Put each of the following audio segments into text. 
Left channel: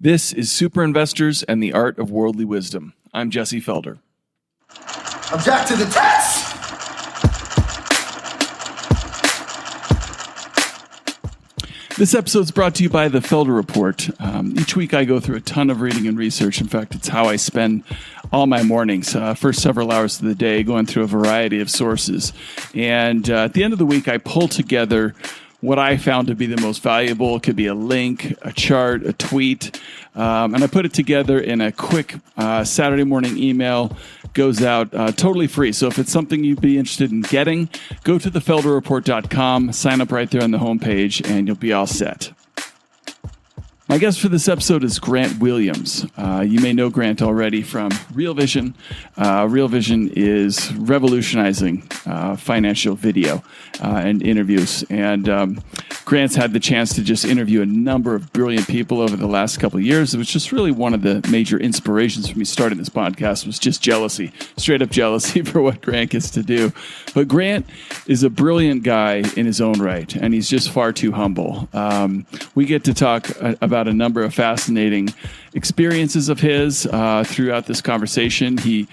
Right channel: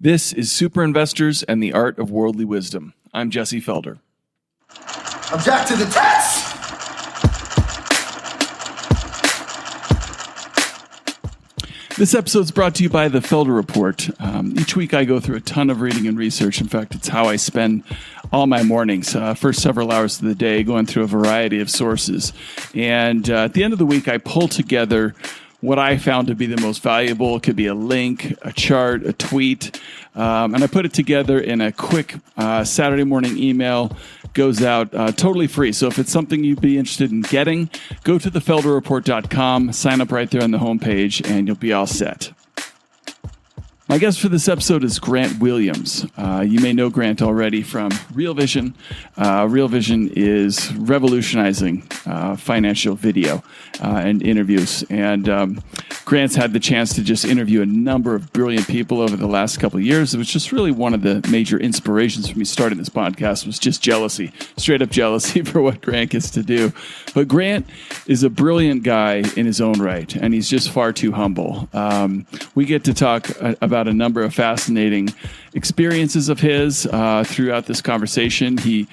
This is Super Investors and the Art of Worldly Wisdom. I'm Jesse Felder. Object to the test! This episode is brought to you by the Felder Report. Each week I go through a ton of reading and research. In fact, it's how I spend all my mornings, first several hours of the day, going through a variety of sources. And at the end of the week, I pull together what I found to be the most valuable. It could be a link, a chart, a tweet, and I put it together in a quick Saturday morning email. Goes out totally free. So if it's something you'd be interested in getting, go to thefelderreport.com, sign up right there on the homepage, and you'll be all set. My guest for this episode is Grant Williams. You may know Grant already from RealVision. RealVision is revolutionizing financial video and interviews. And Grant's had the chance to just interview a number of brilliant people over the last couple of years. It was just really one of the major inspirations for me starting this podcast was just jealousy, straight up jealousy for what Grant gets to do. But Grant is a brilliant guy in his own right, and he's just far too humble. We get to talk about a number of fascinating experiences of his throughout this conversation. He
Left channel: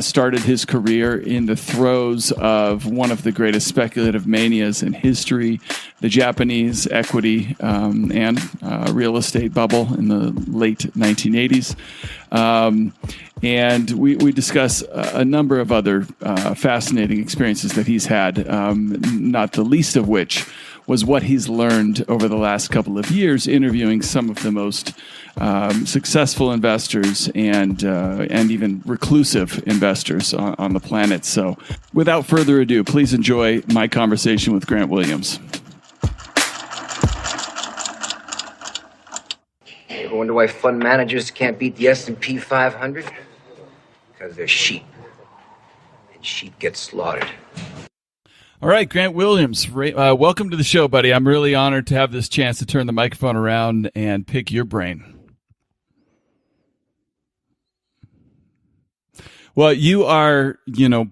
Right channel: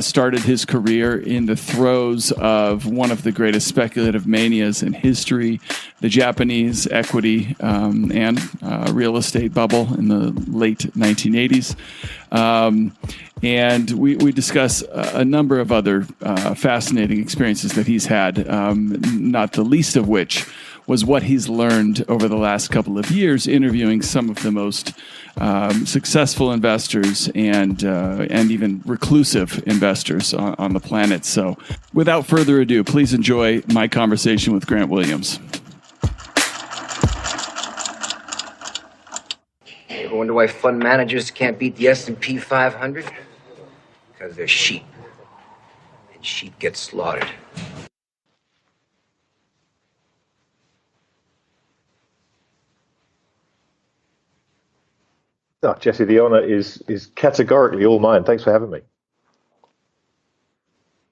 started his career in the throes of one of the greatest speculative manias in history, the Japanese equity and real estate bubble in the late 1980s. And we discuss a number of other fascinating experiences that he's had, not the least of which was what he's learned over the last couple of years interviewing some of the most successful investors and even reclusive investors on the planet. So without further ado, please enjoy my conversation with Grant Williams. You ever wonder why fund managers can't beat the S&P 500? Because they're sheep. And sheep get slaughtered. All right, Grant Williams, welcome to the show, buddy. I'm really honored to have this chance to turn the microphone around and pick your brain. Oh, Jesse, the honor is categorically all mine. Thanks for having me. Well, you are,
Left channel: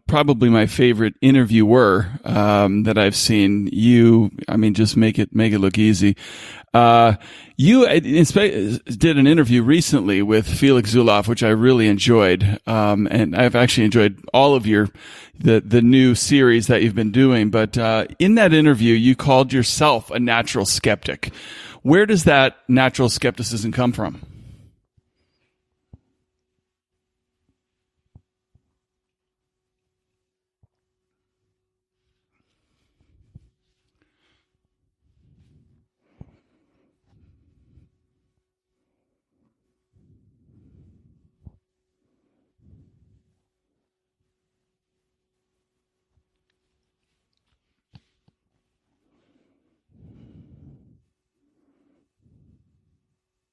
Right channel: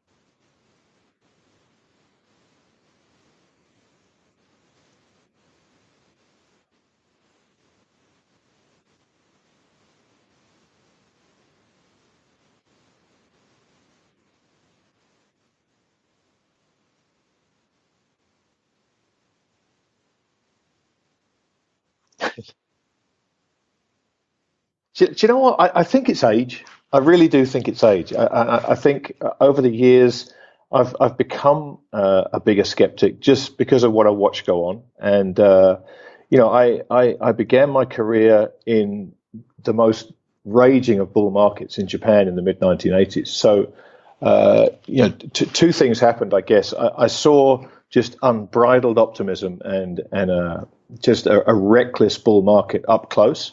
probably my favorite interviewer that I've seen. Just make it look easy. You did an interview recently with Felix Zulauf, which I really enjoyed, and I've actually enjoyed all of the new series that you've been doing. But in that interview, you called yourself a natural skeptic. Where does that natural skepticism come from? Do you know what? I think it's age. I really do think it's age. I think over the years, I've become a bigger skeptic just because of what I watch go on. And, I began my career in the most raging of bull markets in Japan in the mid-1980s. So, two things happened, I guess. I saw just unbridled optimism and just a reckless bull market up close,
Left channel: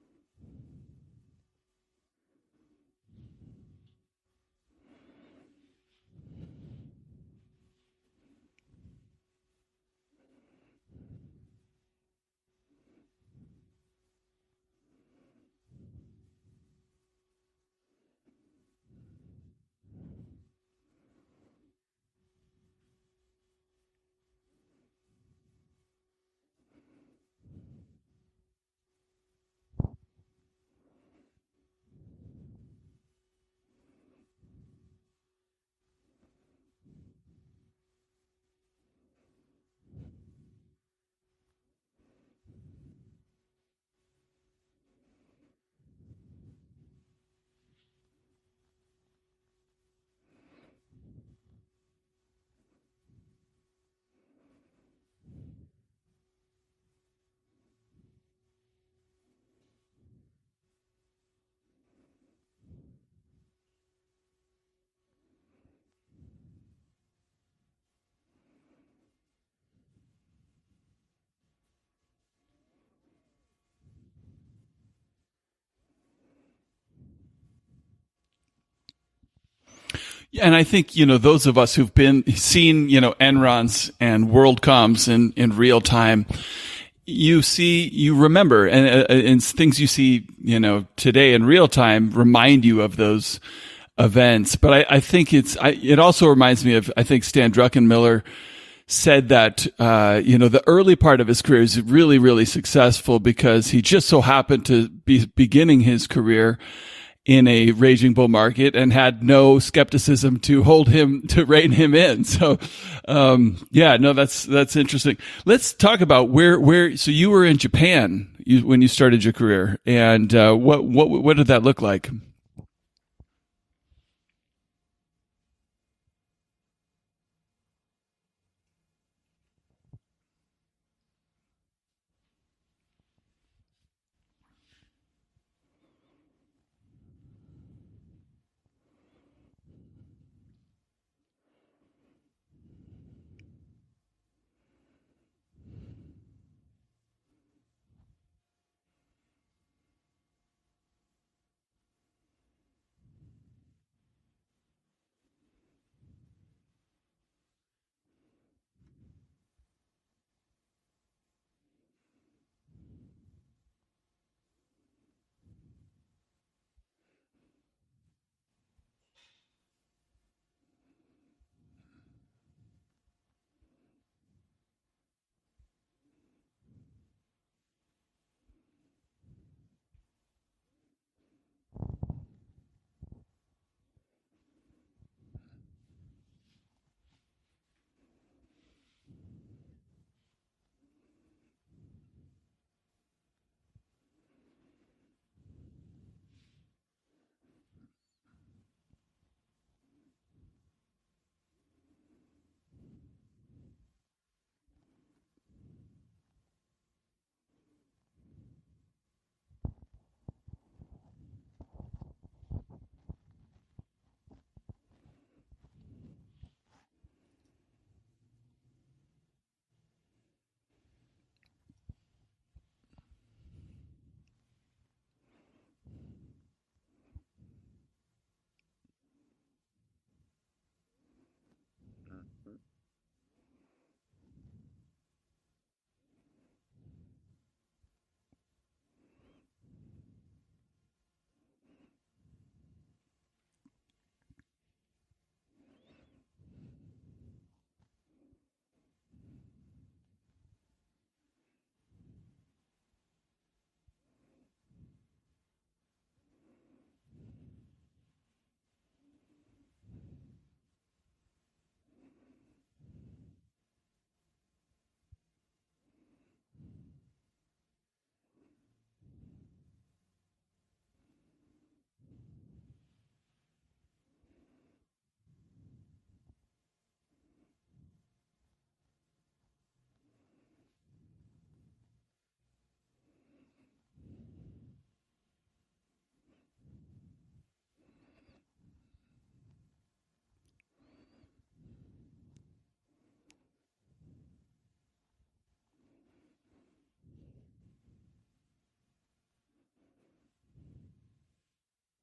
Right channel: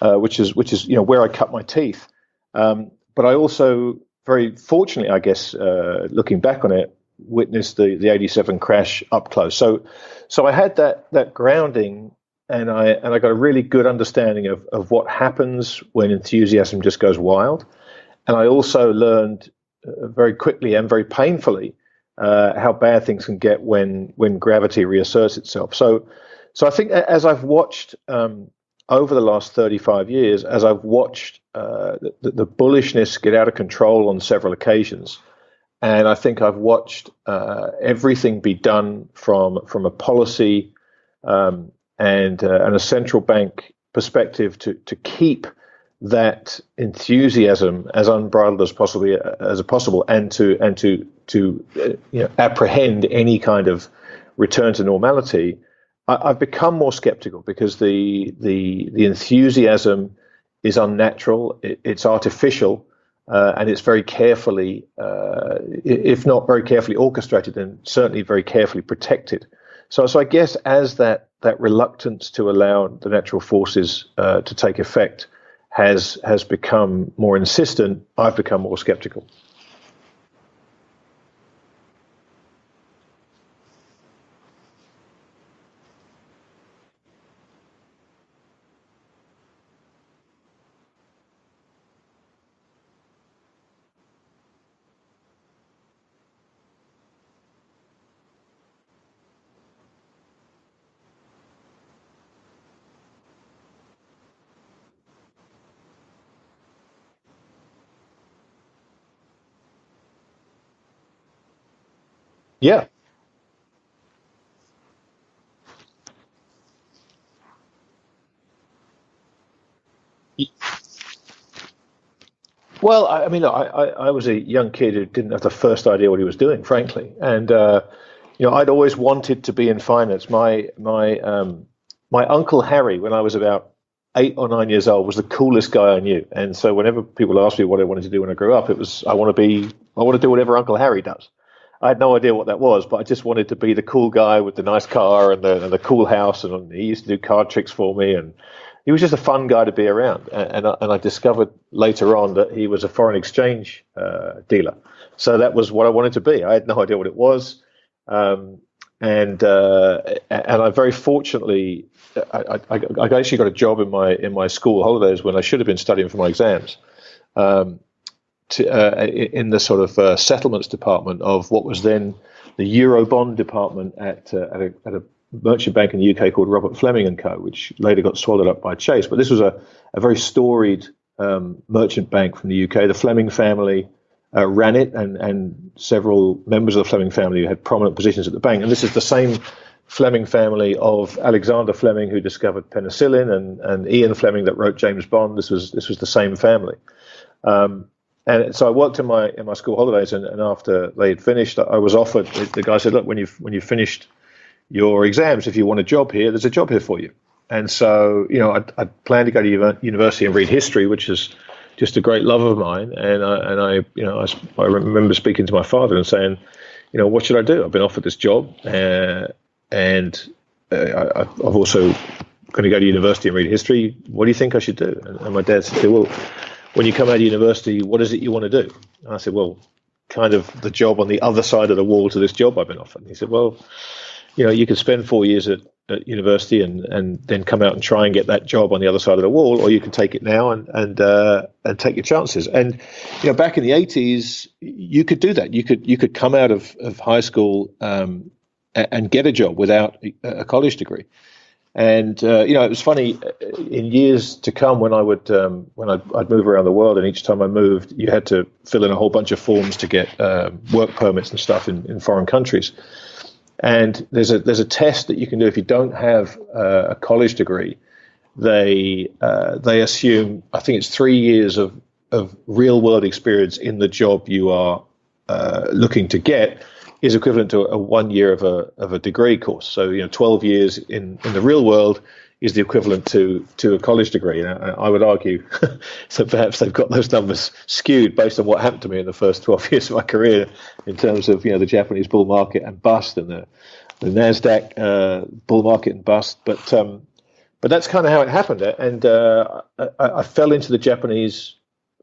which is where I cut my teeth. But I also, very fortunately, I guess, looking back on it, witnessed the 87 crash up close. So I had that grounding, and I got a really good understanding of what happens when enthusiasm just goes wild. And I also learned very quickly and very painfully how bad things can get when gravity reasserts itself. So I think as I've watched over the last 35 years, as I've watched the bullishness get out of control on several occasions, and I think I've watched everything be done from a policy and a central bank perspective to keep that enthusiasm as unbridled as possible, and to apprehend any kind of return to normality. I've become more skeptical because the enthusiasm is unnatural, it's artificial, and it's very carefully, if not very carefully orchestrated, then certainly very carefully protected. So I guess as that reluctance to allow the natural forces to take effect has become more insistent, I've become more skeptical. And I think, those of us who've seen, Enrons and WorldComs in real time, you remember, and things you see, today in real time remind you of those events. But I think it also reminds me of, I think Stan Druckenmiller said that the early part of his career is really, really successful because he just so happened to be beginning his career in a raging bull market and had no skepticism to rein him in. So that's interesting. Let's talk about where. So you were in Japan when you started your career, and what did that look like? Well, I mean, look, I was a young kid who didn't have the first idea what he was doing, frankly, and I'd always wanted to be in finance. My uncle Harry, when I was about 8 or 9 years old, was the coolest guy I knew. And so whenever people asked me what I wanted to do when I grew up, it was I want to do whatever Uncle Harry does. I had no idea what that was, but I just wanted to be the cool guy with the nice car and the cool house. And he used to do card tricks for me, and he was just a fun guy to be around. And I discovered later on that he was a foreign exchange dealer. So that was what I wanted to be. I had no idea what it was, and I very fortunately. I actually got a job in my school holidays when I should have been studying for my exams, in the sort of settlements department of what was then the Eurobond department at a merchant bank in the UK called Robert Fleming and Co., which later got swallowed up by Chase. But this was a very storied merchant bank from the UK. The Fleming family ran it, and several members of the Fleming family had prominent positions at the bank. And this is the same Fleming family of Alexander Fleming, who discovered penicillin, and Ian Fleming that wrote James Bond. This was the same family, and so I worked in my school holidays, and after they had finished, I was offered. The guy said, "Look, when you finished your exams, if you want a job here, there's a job here for you." And so I planned to go to university and read history, which is just a great love of mine. And I remember speaking to my father and saying, what should I do? I've been offered this job. And I've also going to go to university and read history. What do you think I should do? And my dad said, well, when you come out of university, what is it you want to do? And I said, well, kind of the job on the other side of the wall to this job I've been offered. And he said, well, you could spend 4 years at university and then come out and try and get that job on the other side of the wall, or you can take it now and take your chances. And back in the 80s, you could do that. You could come out of high school and get a job without a college degree. And it was funny in years to come when I'd move around the world, and each time I moved, you had to fill in a whole bunch of forms to get work permits and stuff in foreign countries. And there's a test that you can do if you don't have a college degree. They assume, I think it's 3 years of real world experience in the job you are looking to get is equivalent to a 1 year of a degree course. So 12 years in the real world is the equivalent to a college degree. And I would argue so perhaps they've got those numbers skewed based on what happened to me in the first 12 years of my career in terms of the Japanese bull market and bust, and the NASDAQ bull market and bust. But that's kind of how it happened. And I fell into the Japanese.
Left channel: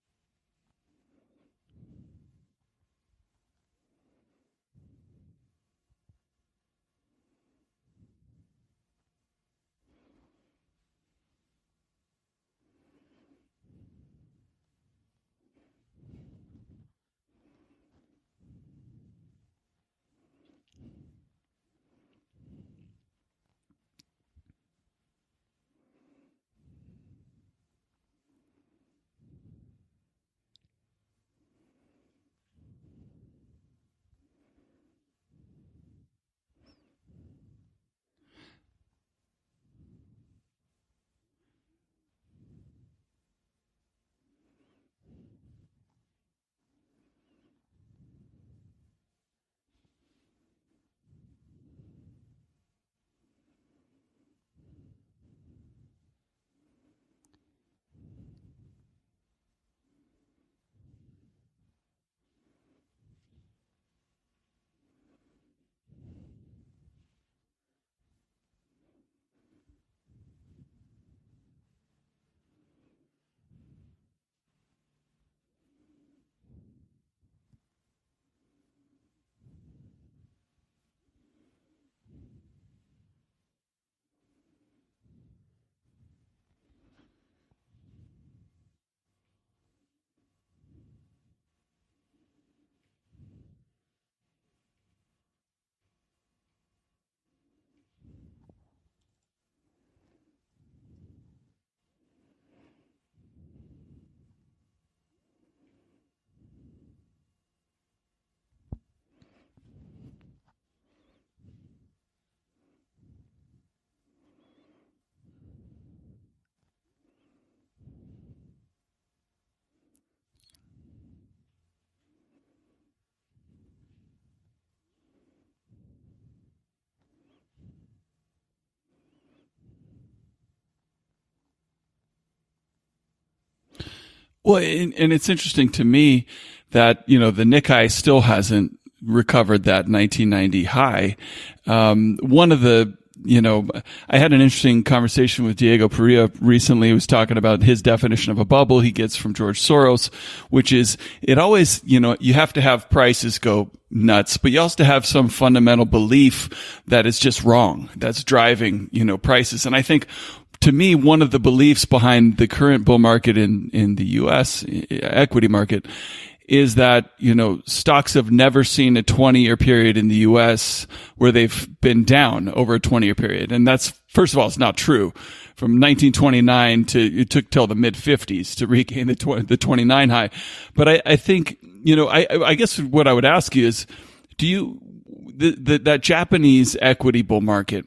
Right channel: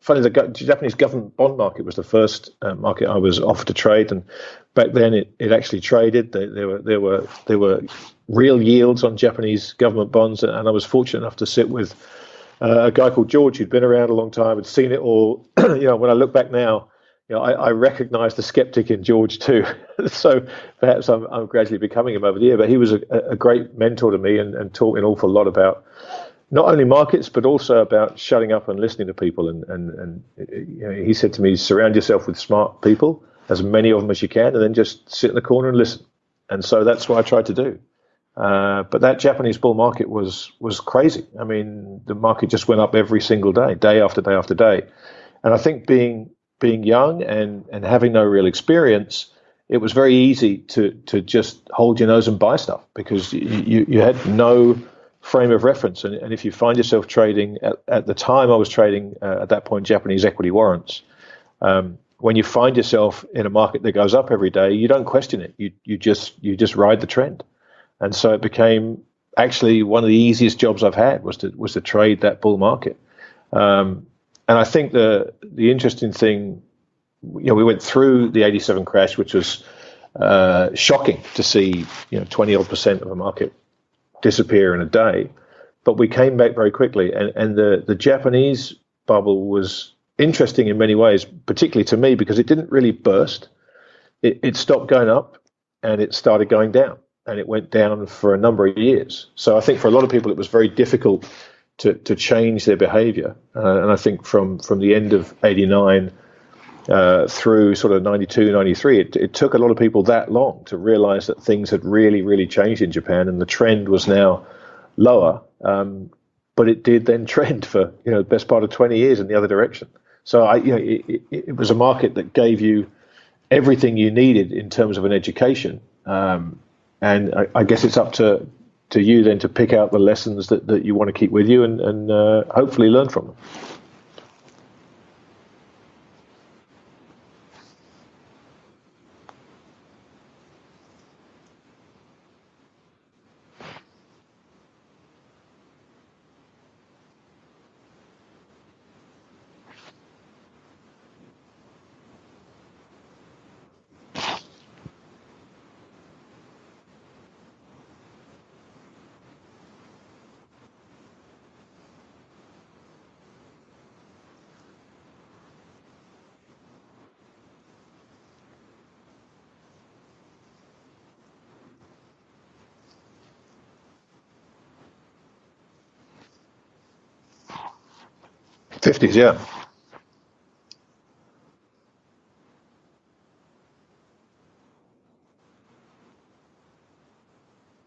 Funny, the Japanese government bond market was the first market I was offered to trade, and back then it actually traded. There were real yields on Japanese government bonds, and I was fortunate enough to sit with a guy called George who'd been around a long time, had seen it all. When I look back now, I recognise the skeptic in George too. So perhaps I'm gradually becoming him over the year. But he was a great mentor to me and taught me an awful lot about not only markets, but also about shutting up and listening to people. And he said to me, surround yourself with smart people, as many of them as you can, and then just sit in the corner and listen. And so that's what I tried to do. But that Japanese bull market was crazy. I mean, the market just went up every single day, day after day after day. And I think being young and having no real experience, it was very easy to just hold your nose and buy stuff because you had no frame of reference. And if you find yourself trading at the time I was trading at that point Japanese equity warrants, when you find yourself in a market that goes up every day, you don't question it. You just ride the trend. And so it became actually one of the easiest jobs I've had was to trade that bull market. And I think the interesting thing, we went through the 87 crash, which was shocking to see 20% of the market disappear in a day, but we came back very quickly. And the Japanese bubble was interesting in many ways, particularly to me, because it didn't really burst. It stopped going up. and it started going down, and it went down for a number of years. So I think for a lot of people, it was very difficult to change their behavior. And I think from the end of 89 through sort of 92, 93, it took a lot of people that long to realize that things had really, really changed in Japan, and the trend was now lower. But it did then trend for, the best part of 20 years in the other direction. So it was a market that gave you everything you needed in terms of an education. And I guess it's up to you then to pick out the lessons that you want to keep with you and hopefully learn from them. Well, and it's interesting to me that, the Nikkei still hasn't recovered that 1990 high. One of the, I had an interesting conversation with Diego Perea recently. He was talking about his definition of a bubble he gets from George Soros, which is it always, you have to have prices go nuts, but you also have some fundamental belief that it's just wrong. That's driving, prices. And I think, to me, one of the beliefs behind the current bull market in the U.S. equity market is that, stocks have never seen a 20-year period in the U.S. where they've been down over a 20-year period. And that's, first of all, it's not true. From 1929 it took till the mid-50s to regain the 29 high. But I think, I guess what I would ask you is, that Japanese equity bull market,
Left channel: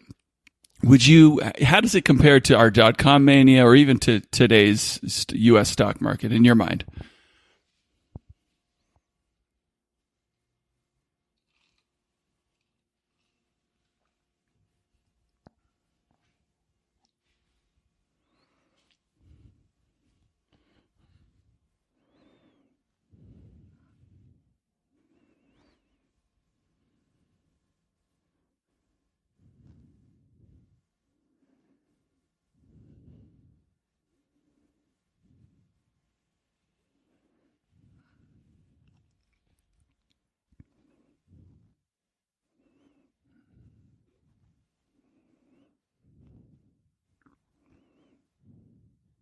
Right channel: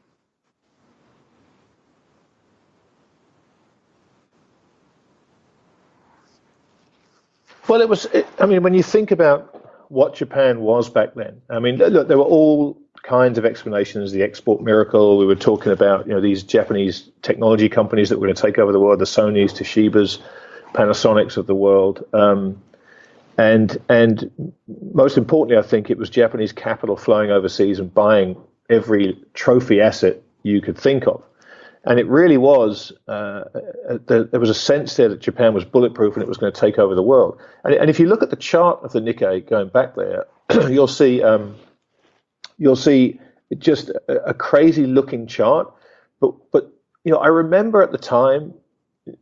how does it compare to our .com mania or even to today's U.S. stock market in your mind? Well, when you think about what Japan was back then, look, there were all kinds of explanations, the export miracle. We were talking about, these Japanese technology companies that were going to take over the world, the Sonys, Toshibas, Panasonics of the world. And most importantly, I think it was Japanese capital flowing overseas and buying every trophy asset you could think of. And it really was, there was a sense there that Japan was bulletproof and it was going to take over the world. And if you look at the chart of the Nikkei going back there, you'll see just a crazy looking chart. But I remember at the time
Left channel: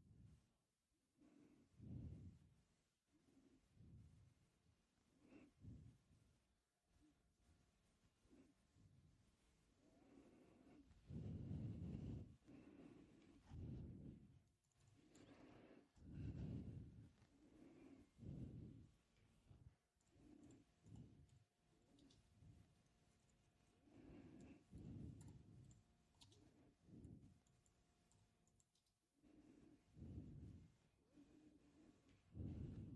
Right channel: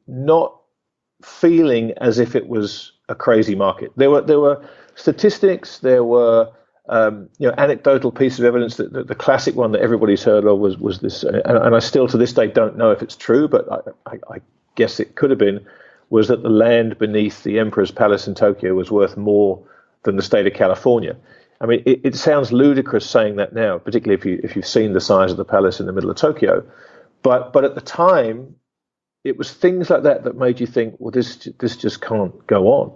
not feeling as if it was a crazy market. There were statistics, there were anecdotal pieces of evidence. That the classic one that everybody's heard of was this, and I still to this day don't know if it's true, but I guess it could have been, was that the land beneath the Emperor's Palace in Tokyo was worth more than the state of California. It sounds ludicrous saying that now, particularly if you've seen the size of the palace in the middle of Tokyo, but at the time, it was things like that made you think, well, this just can't go on.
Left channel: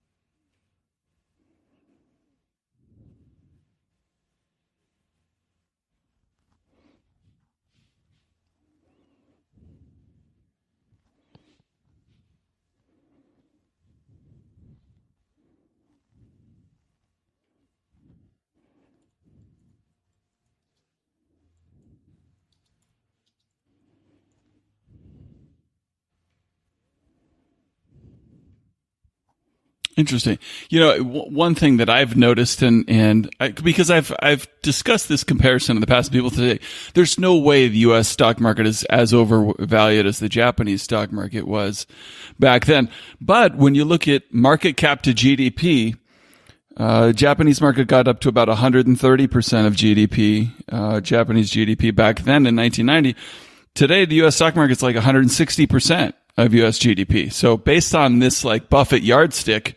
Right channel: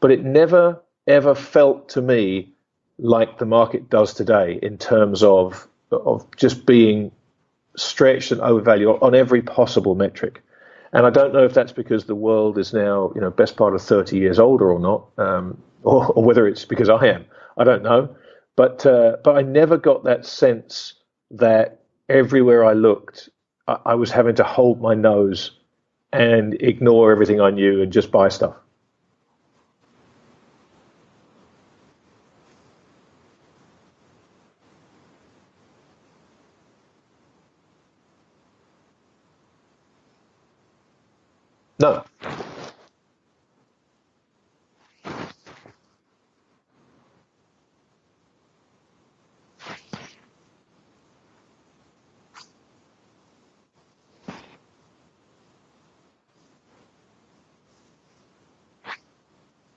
But it never ever felt to me like the market does today in terms of just being stretched and overvalued on every possible metric. And I don't know if that's because the world is now, best part of 30 years older or not, or whether it's because I am. I don't know. But I never got that sense that everywhere I looked, I was having to hold my nose and ignore everything I knew and just buy stuff. Interesting. One thing that I've noticed, because I've discussed this comparison in the past, people today, there's no way the U.S. stock market is as overvalued as the Japanese stock market was back then. But when you look at market cap to GDP, Japanese market got up to about 130% of GDP, Japanese GDP back then in 1990. Today, the U.S. stock market's like 160% of U.S. GDP. So based on this like Buffett yardstick,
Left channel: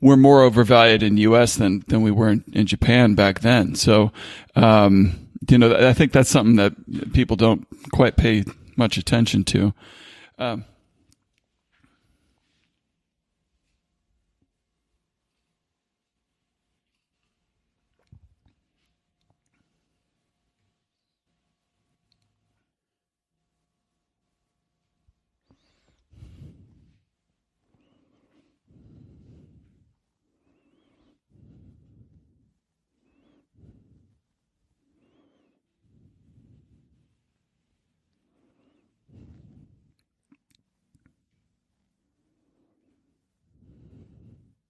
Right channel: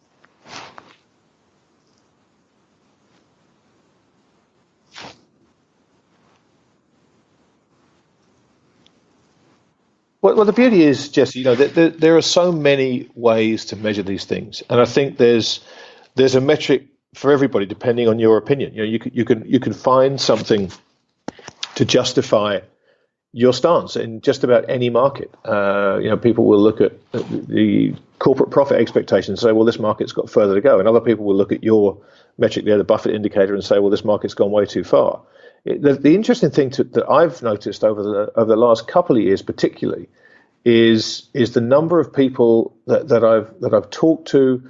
we're more overvalued in U.S. than we were in Japan back then. So, I think that's something that people don't quite pay much attention to. Well, the beauty is, Jesse, there are so many ways to measure these things, and I think there's a metric for everybody depending on your opinion. You can find something to justify your stance in just about any market. People will look at the corporate profit expectations and say, well, this market's got further to go. And other people will look at your metric there, the Buffett indicator, and say, well, this market's gone way too far. The interesting thing that I've noticed over the last couple of years particularly is the number of people that I've talked to,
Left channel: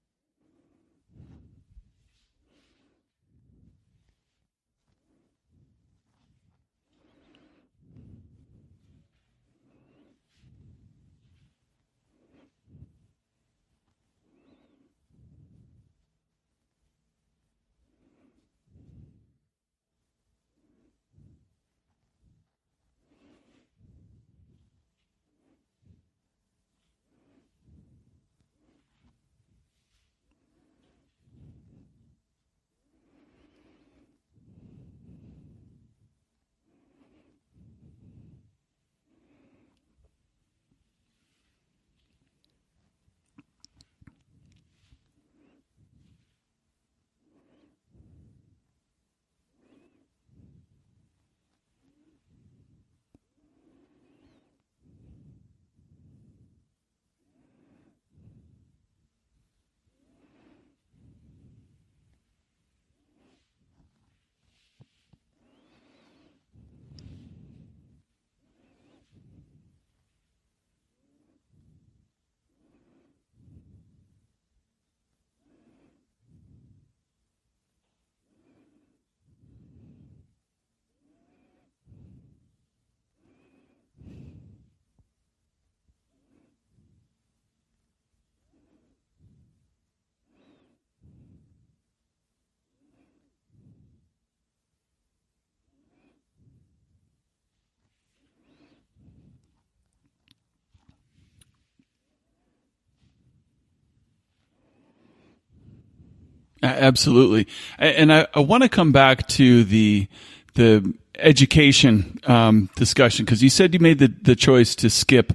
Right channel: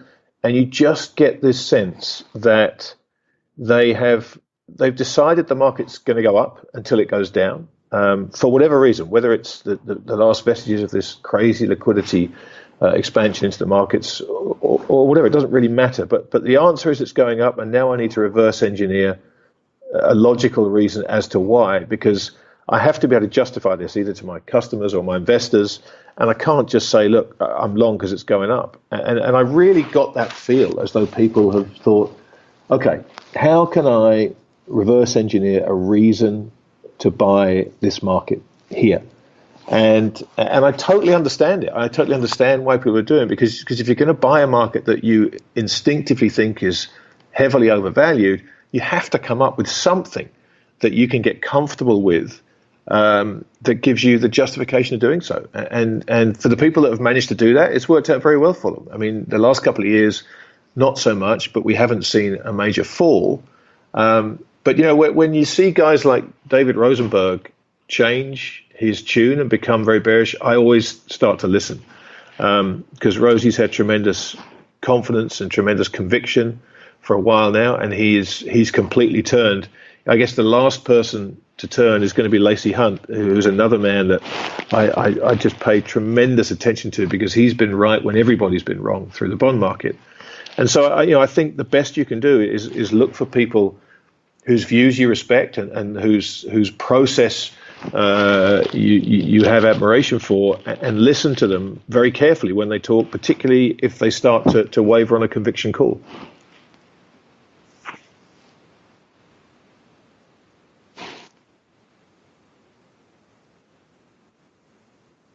and you just get this sense that they've decided the market's going to go up until it goes down. For whatever reason, whether it's the last vestiges of this crazy liquidity expansion into the markets or whatever, it doesn't really matter. But the answer is it's going up, and now I need to reverse engineer a logical reason as to why, because I have to be able to justify this either to my customers or my investors, and I can't just say, look, I'm long because it's going up. And I really got that feel as though people have thought, okay, how can I reverse engineer a reason to buy this market here? And I totally understand it. I totally understand why people are doing it, because if you're going to buy a market that you instinctively think is heavily overvalued, you have to come up with something that you can get comfortable with, that gives you the justification of doing so. And for the people that have managed to do that, it's worked out very well for them. I mean, the last couple of years, not so much, but we haven't seen a major fall. But, you know, when you see guys like David Rosenberg change his tune and become very bearish, I always start to listen, because Rosie's had tremendous confidence and tremendous conviction for a while now, and he's completely turned. I guess the last person to turn is going to be Lacey Hunt, who's another man that I just pay tremendous attention to, because he's been right when everybody's been wrong through the bond market. And so I think the best you can do is look for people whose views you respect and whose process you have admiration for, and listen to them very carefully when they talk, particularly if they start to waver on a conviction call. Absolutely. And I want to come back to the education discussion, because you said you made the choice to skip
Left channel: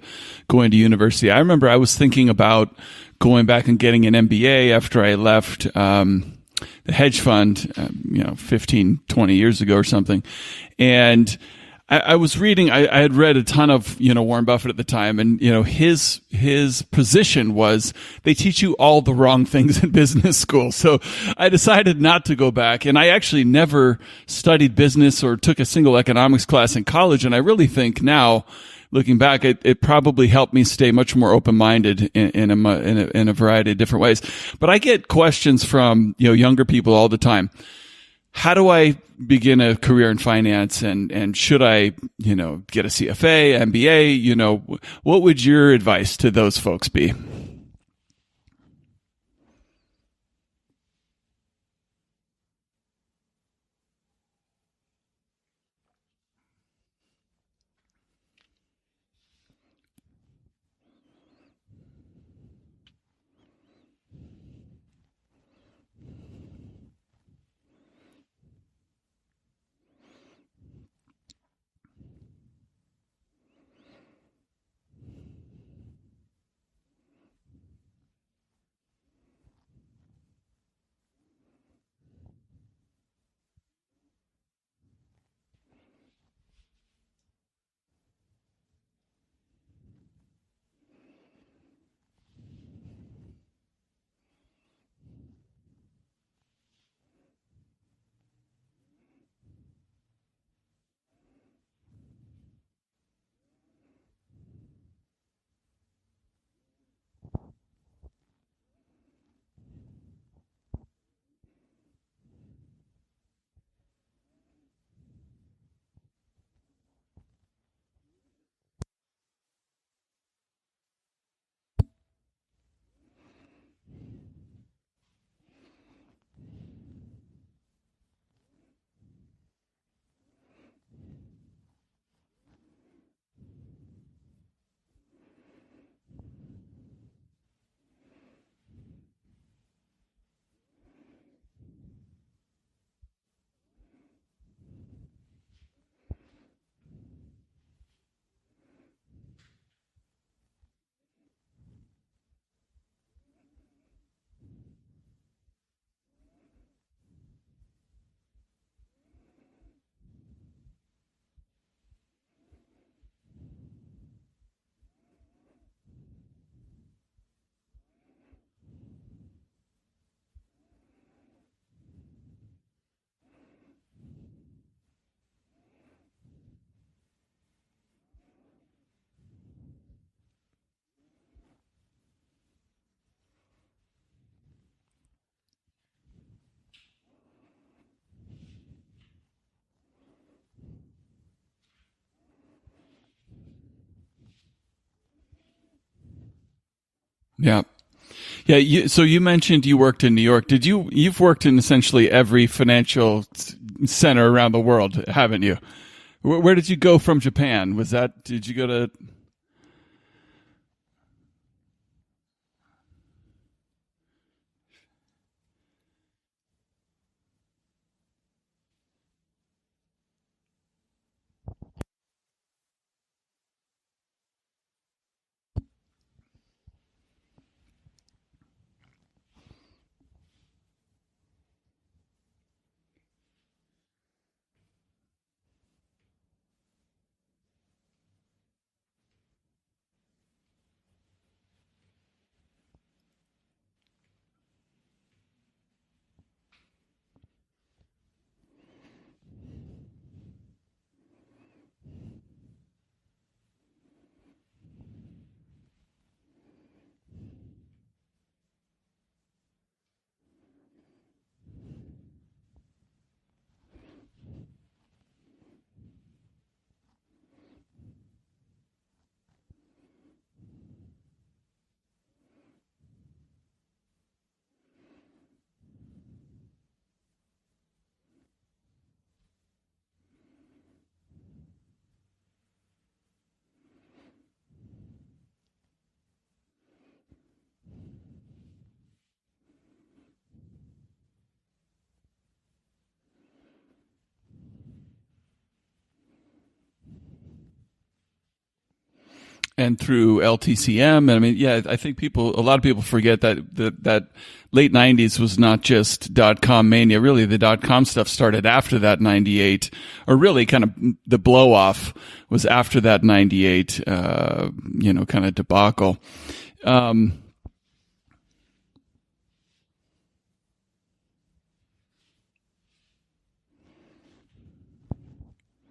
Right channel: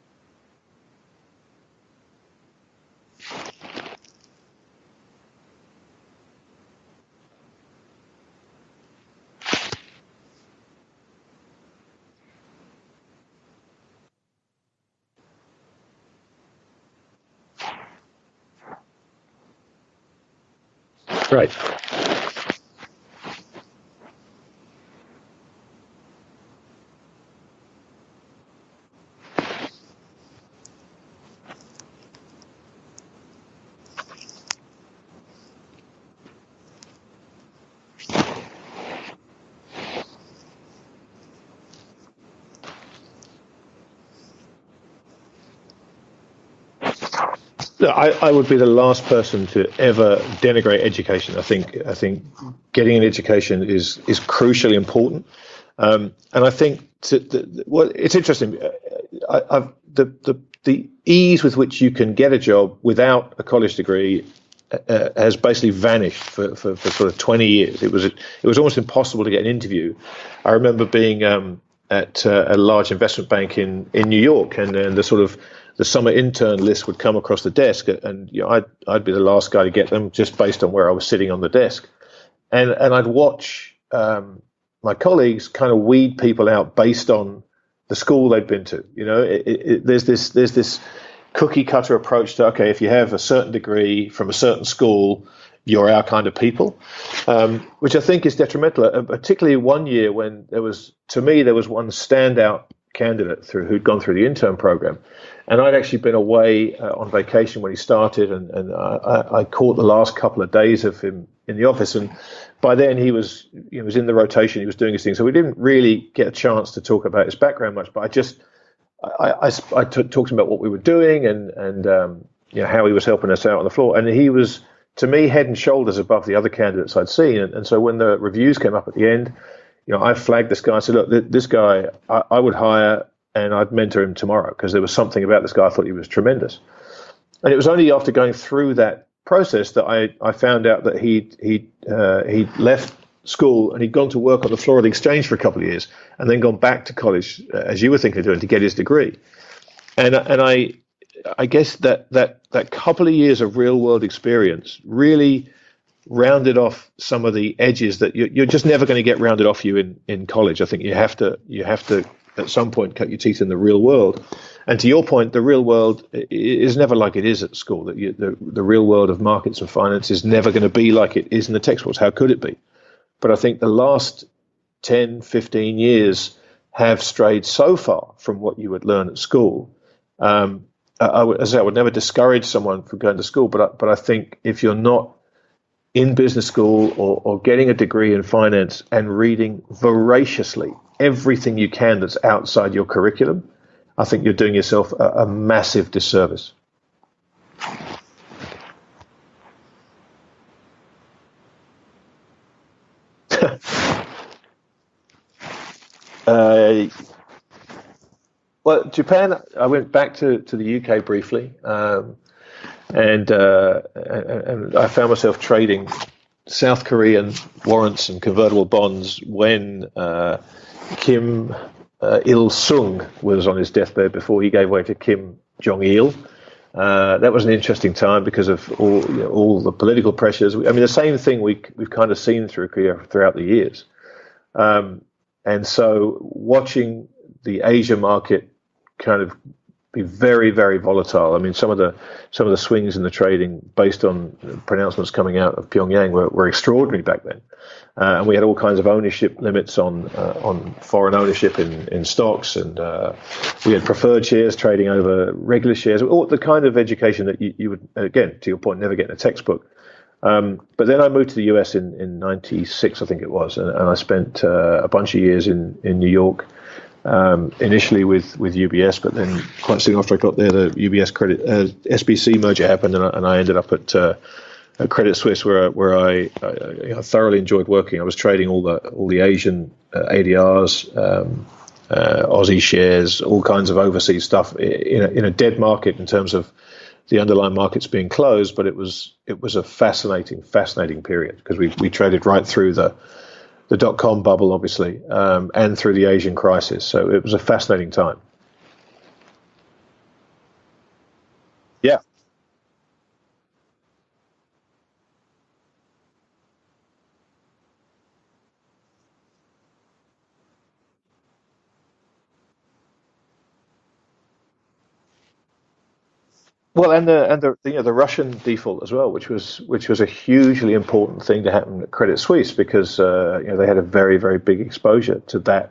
going to university. I remember I was thinking about going back and getting an MBA after I left the hedge fund, 15, 20 years ago or something. And I was reading, I had read a ton of, Warren Buffett at the time, and, his position was they teach you all the wrong things in business school. So right. I decided not to go back, and I actually never studied business or took a single economics class in college. And I really think now, looking back, it probably helped me stay much more open-minded in a variety of different ways. But I get questions from, younger people all the time. How do I begin a career in finance, and should I, get a CFA, MBA? What would your advice to those folks be? I would be the last person to ever denigrate education. I think getting an education is crucially important, and I think it's interesting. The ease with which you can get a job without a college degree has basically vanished for sort of 20 years. It was almost impossible to get an interview. I remember being at a large investment bank in New York, and the summer intern list would come across the desk, and I'd be the last guy to get them, just based on where I was sitting on the desk, and I'd watch my colleagues kind of weed people out based on the school they'd been to. There's this cookie cutter approach to, okay, if you have a certain degree from a certain school, you're our kind of people, which I think is detrimental, particularly one year when there was one standout candidate who'd gone through the intern program. And I'd actually been away on vacation when he started, and I caught the last couple of days of him in the office. And by then he was in the rotation, he was doing his thing. So we didn't really get a chance to talk about his background much, but I talked to him about what we were doing and how he was helping us out on the floor. And he was, to me, head and shoulders above the other candidates I'd seen. And so when the reviews came up at the end, I flagged this guy. I said, look, this guy I would hire, and I'd mentor him tomorrow, because there was something about this guy I thought he was tremendous. And it was only after going through that process that I found out that he'd left school and he'd gone to work on the floor of the exchange for a couple of years, and then gone back to college, as you were thinking of doing, to get his degree. And I guess that couple of years of real world experience really rounded off some of the edges that you're just never going to get rounded off you in college. I think you have to at some point cut your teeth in the real world. And to your point, the real world is never like it is at school. The real world of markets and finance is never going to be like it is in the textbooks. How could it be? But I think the last 10, 15 years have strayed so far from what you would learn at school. I would never discourage someone from going to school, but I think if you're not in business school or getting a degree in finance and reading voraciously everything you can that's outside your curriculum, I think you're doing yourself a massive disservice. Yeah. So you mentioned you worked in New York. You've worked in essentially every financial center around the world, haven't you? Where did you go from Japan? Did you go to Japan? I went back to the UK briefly, and I found myself trading South Korean warrants and convertible bonds when Kim Il Sung was on his deathbed before he gave way to Kim Jong Il. That was an interesting time because of all the political pressures. I mean, the same thing we've kind of seen through Korea throughout the years. And so watching the Asia market kind of be very, very volatile. I mean, some of the swings in the trading based on pronouncements coming out of Pyongyang were extraordinary back then. And we had all kinds of ownership limits on foreign ownership in stocks, and we had preferred shares trading over regular shares, all the kind of education that you would, again, to your point, never get in a textbook. But then I moved to the US in 96, I think it was, and I spent a bunch of years in New York, initially with UBS, but then quite soon after I got there, the UBS SBC merger happened, and I ended up at Credit Suisse, where I thoroughly enjoyed working. I was trading all the Asian ADRs, Aussie shares, all kinds of overseas stuff in a dead market in terms of the underlying markets being closed. But it was a fascinating period because we traded right through the dot-com bubble, obviously, and through the Asian crisis. So it was a fascinating time. And through LTCM, and I mean, I think a lot of people forget that late 90s was not just dot-com mania. Really, the dot-com stuff started after that 98, or really kind of the blow-off was after that 98, kind of debacle. And the Russian default as well, which was a hugely important thing to happen at Credit Suisse because they had a very, very big exposure to that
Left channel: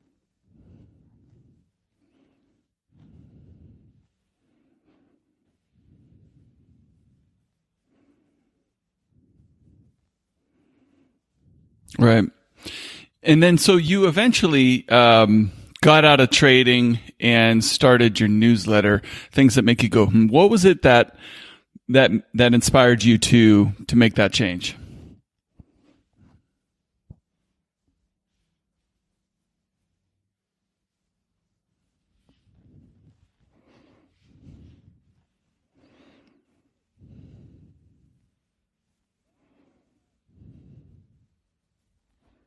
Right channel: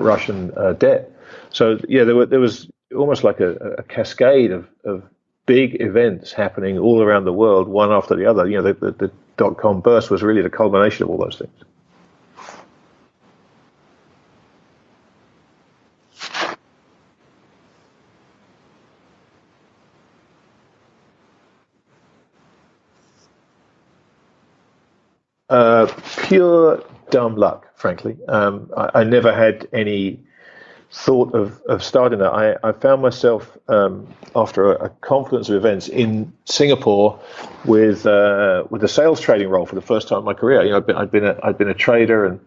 Russian debt. So there was almost like a cascade of big events happening all around the world, one after the other. The dot-com burst was really the culmination of all those things. Right. And then so you eventually got out of trading and started your newsletter, Things That Make You Go, What was it that inspired you to make that change? Pure dumb luck, frankly. I never had any thought of starting that. I found myself after a confluence of events in Singapore with a sales trading role for the first time in my career. I'd been a trader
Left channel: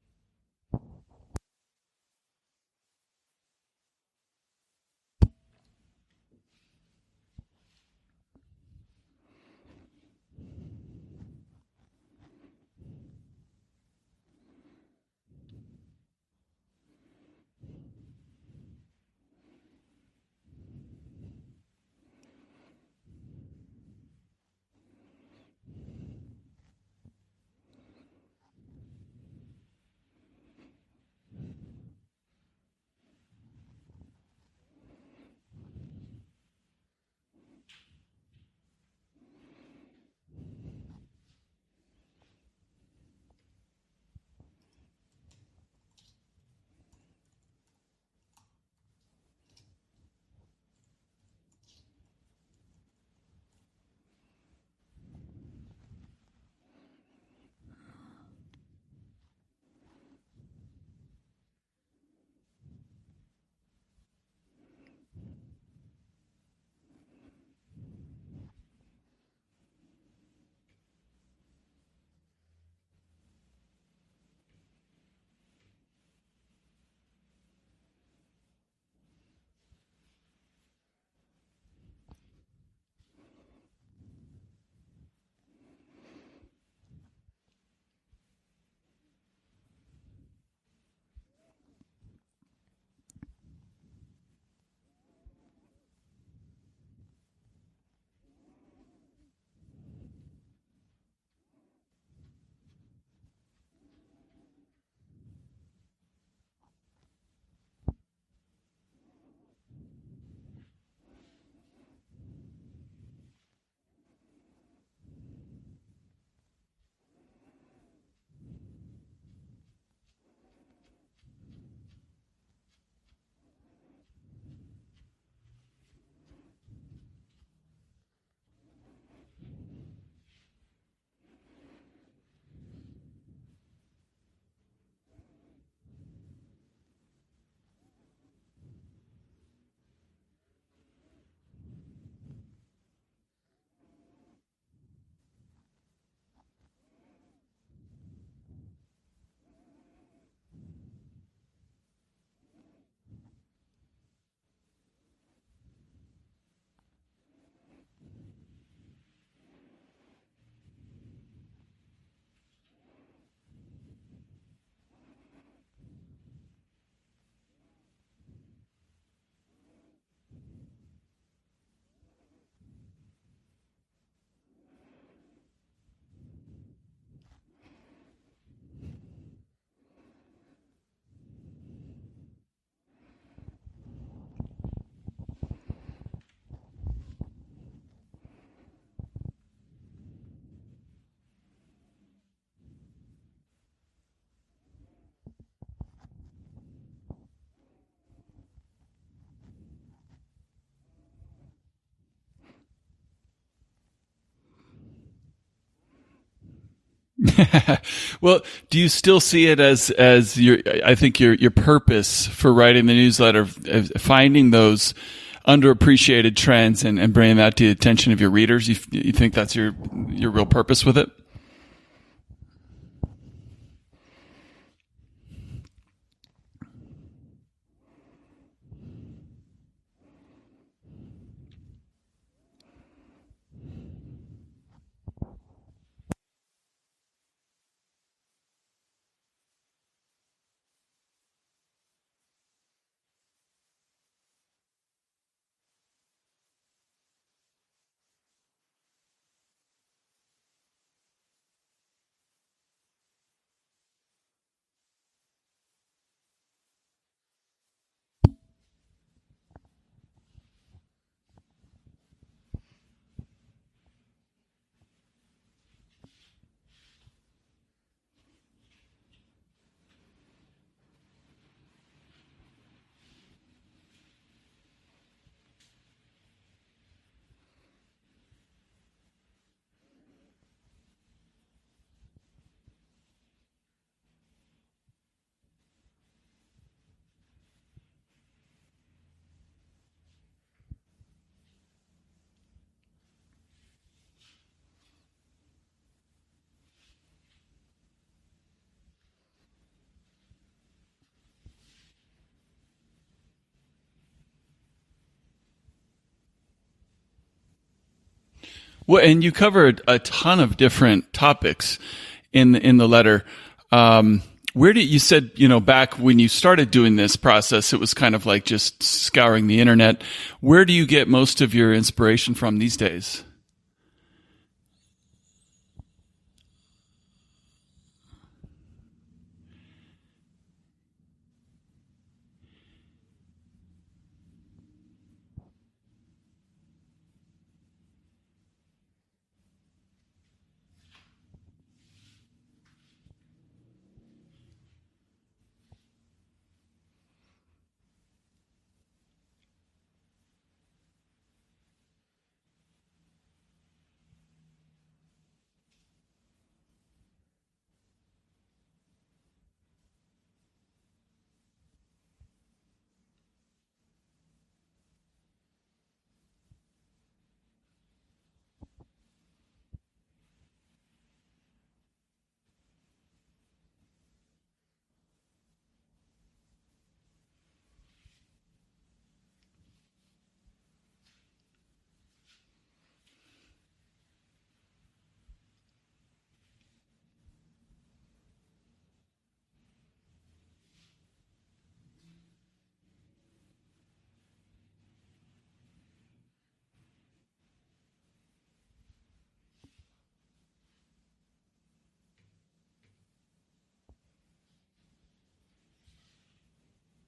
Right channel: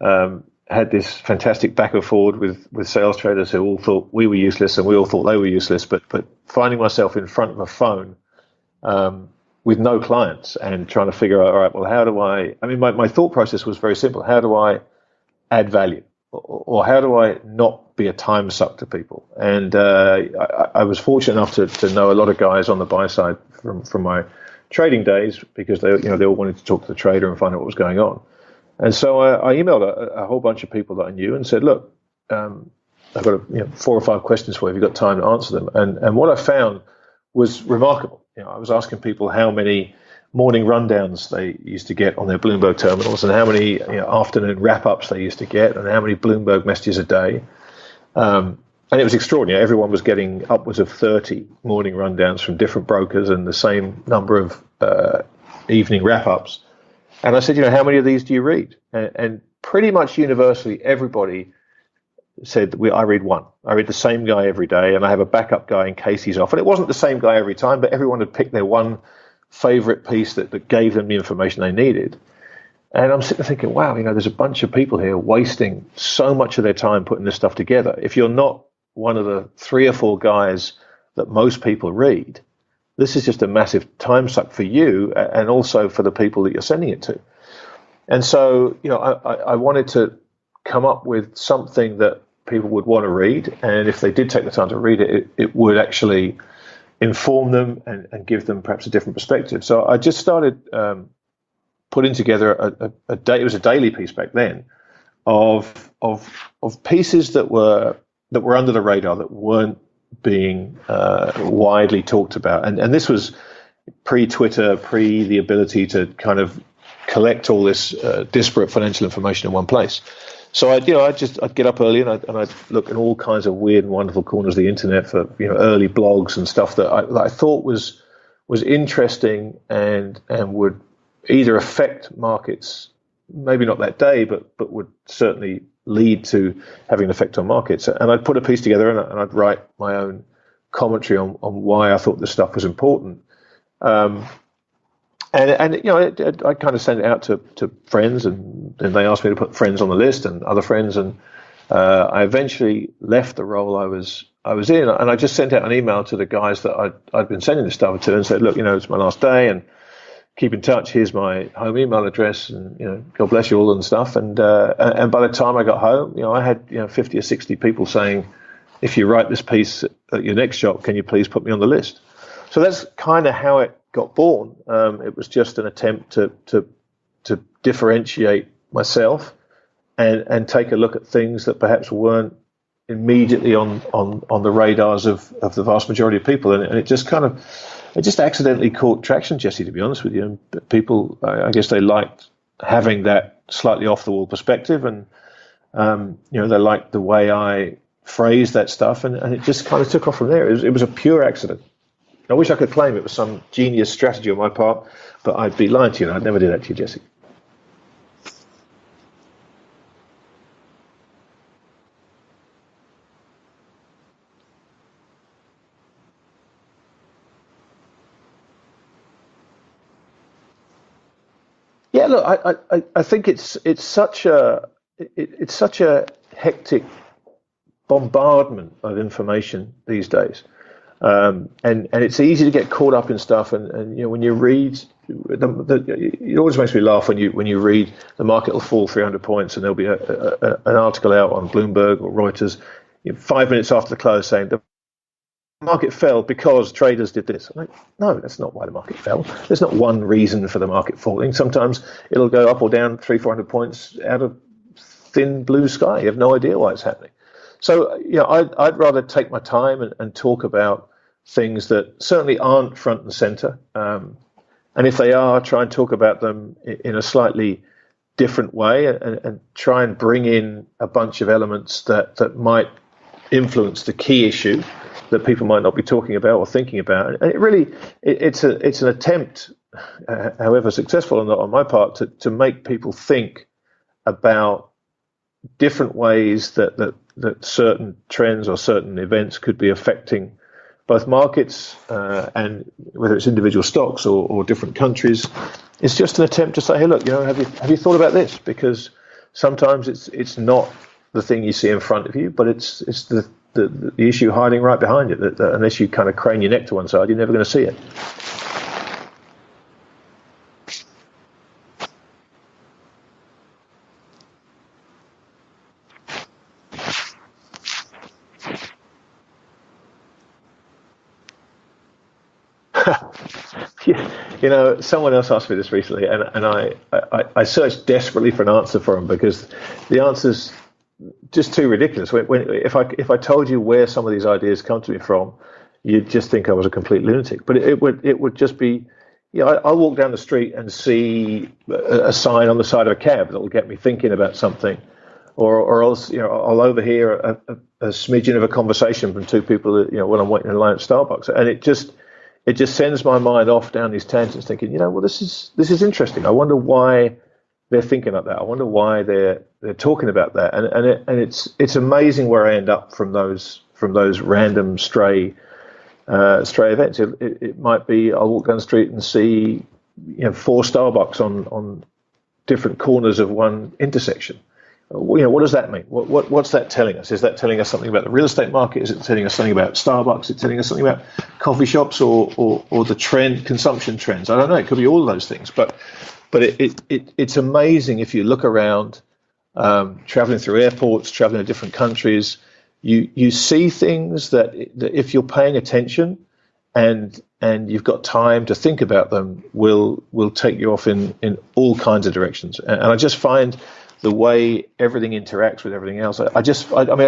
and had this fantastic back and forward with sales traders who all thought we were useless and we all thought they were useless. But finding myself in front of a phone with no clients and trying to figure out, all right, well, how do I mean, my thought process was very simple. How do I add value? Or how do I not be a time suck to people? And I was fortunate enough to know a lot of guys on the buy side from my trading days because they all wanted to talk to the trader and find out what was going on. And so I emailed a whole bunch of people that I knew and said, look, I've got 4 or 5 questions for you. Have you got time to answer them? And what I found was remarkable. I was asking people how many morning rundowns they used to get on their Bloomberg terminals and how many afternoon wrap-ups they used to get and how many Bloomberg messages a day. And it was extraordinary. Everyone was getting upwards of 30 morning rundowns from different brokers and the same number of evening wrap-ups. And I said, how many of these do you read? And pretty much universally, everybody said, I read one. I read the same guy every day, and I have a backup guy in case he's off. And it wasn't the same guy every time, but everyone had picked their one favorite piece that gave them the information they needed. And I'm sitting there thinking, wow, there's a bunch of people here wasting so much of their time putting this stuff together. If you're not one of the 3 or 4 guys that most people read, this is just a massive time suck for you and also for the people that you're sending it to. And so, I wanted to come up with something that people would want to read. And if they did take the time to read it, it would actually inform them and give them perhaps a different perspective. So I just started putting together it was a daily piece back then of pieces that were under the radar, that weren't being widely talked about. And this was pre-Twitter, the ability to kind of collect all this disparate financial information in one place. So I'd get up early and I'd look in all kinds of weird and wonderful corners of the internet for early blogs and stuff that I thought was interesting and would either affect markets maybe not that day, but would certainly lead to having an effect on markets. And I'd put a piece together and I'd write my own commentary on why I thought this stuff was important. And I kind of sent it out to friends, and then they asked me to put friends on the list and other friends, and I eventually left the role I was in, and I just sent out an email to the guys that I'd been sending this stuff to, and said, look, it's my last day, and keep in touch. Here's my home email address, and God bless you all and stuff. And by the time I got home, I had 50 or 60 people saying, if you write this piece at your next shop, can you please put me on the list? So that's kind of how it got born. It was just an attempt to differentiate myself and take a look at things that perhaps weren't immediately on the radars of the vast majority of people. And it just accidentally caught traction, Jesse, to be honest with you. And people, I guess they liked having that slightly off the wall perspective, and they liked the way I phrased that stuff, and it just kind of took off from there. It was a pure accident. I wish I could claim it was some genius strategy on my part, but I'd be lying to you, and I'd never do that to you, Jesse. Well, do you still see it as your purpose for writing the newsletter, finding those underappreciated trends and bringing that to the attention of your readers? You think that's your real purpose with it? Yeah, look, I think it's such a hectic bombardment of information these days. And it's easy to get caught up in stuff, and when you read, it always makes me laugh when you read the market will fall 300 points, and there'll be an article out on Bloomberg or Reuters 5 minutes after the close saying the market fell because traders did this. I'm like, no, that's not why the market fell. There's not one reason for the market falling. Sometimes it'll go up or down 300-400 points out of thin blue sky. You have no idea why it's happening. So, I'd rather take my time and talk about things that certainly aren't front and center. And if they are, try and talk about them in a slightly different way, and try and bring in a bunch of elements that might influence the key issue that people might not be talking about or thinking about. And it's an attempt, however successful or not on my part, to make people think about different ways that certain trends or certain events could be affecting both markets, and whether it's individual stocks or different countries. It's just an attempt to say, hey, look, have you thought about this? Because sometimes it's not the thing you see in front of you, but it's the issue hiding right behind it. That unless you kind of crane your neck to one side, you're never going to see it. Well, and you covered a ton of different topics in the letter. Where did you said, back when you started doing this process, it was kind of like just scouring the internet. Where do you get most of your inspiration from these days? Someone else asked me this recently, and I searched desperately for an answer for them, because the answer's just too ridiculous. If I told you where some of these ideas come to me from, you'd just think I was a complete lunatic. But it would just be, I'll walk down the street and see a sign on the side of a cab that will get me thinking about something, or else I'll overhear a smidgen of a conversation from two people when I'm waiting in line at Starbucks, and it just sends my mind off down these tangents, thinking, well, this is interesting. I wonder why they're thinking like that. I wonder why they're talking about that, and it's amazing where I end up from those random stray events. It might be I'll walk down the street and see 4 Starbucks on different corners of one intersection. What does that mean? What's that telling us? Is that telling us something about the real estate market? Is it telling us something about Starbucks? Is it telling us something about coffee shops or the consumption trends? I don't know. It could be all of those things. But it's amazing if you look around, traveling through airports, traveling to different countries. You see things that if you're paying attention and you've got time to think about them, will take you off in all kinds of directions. And I just find the way everything interacts with everything else. I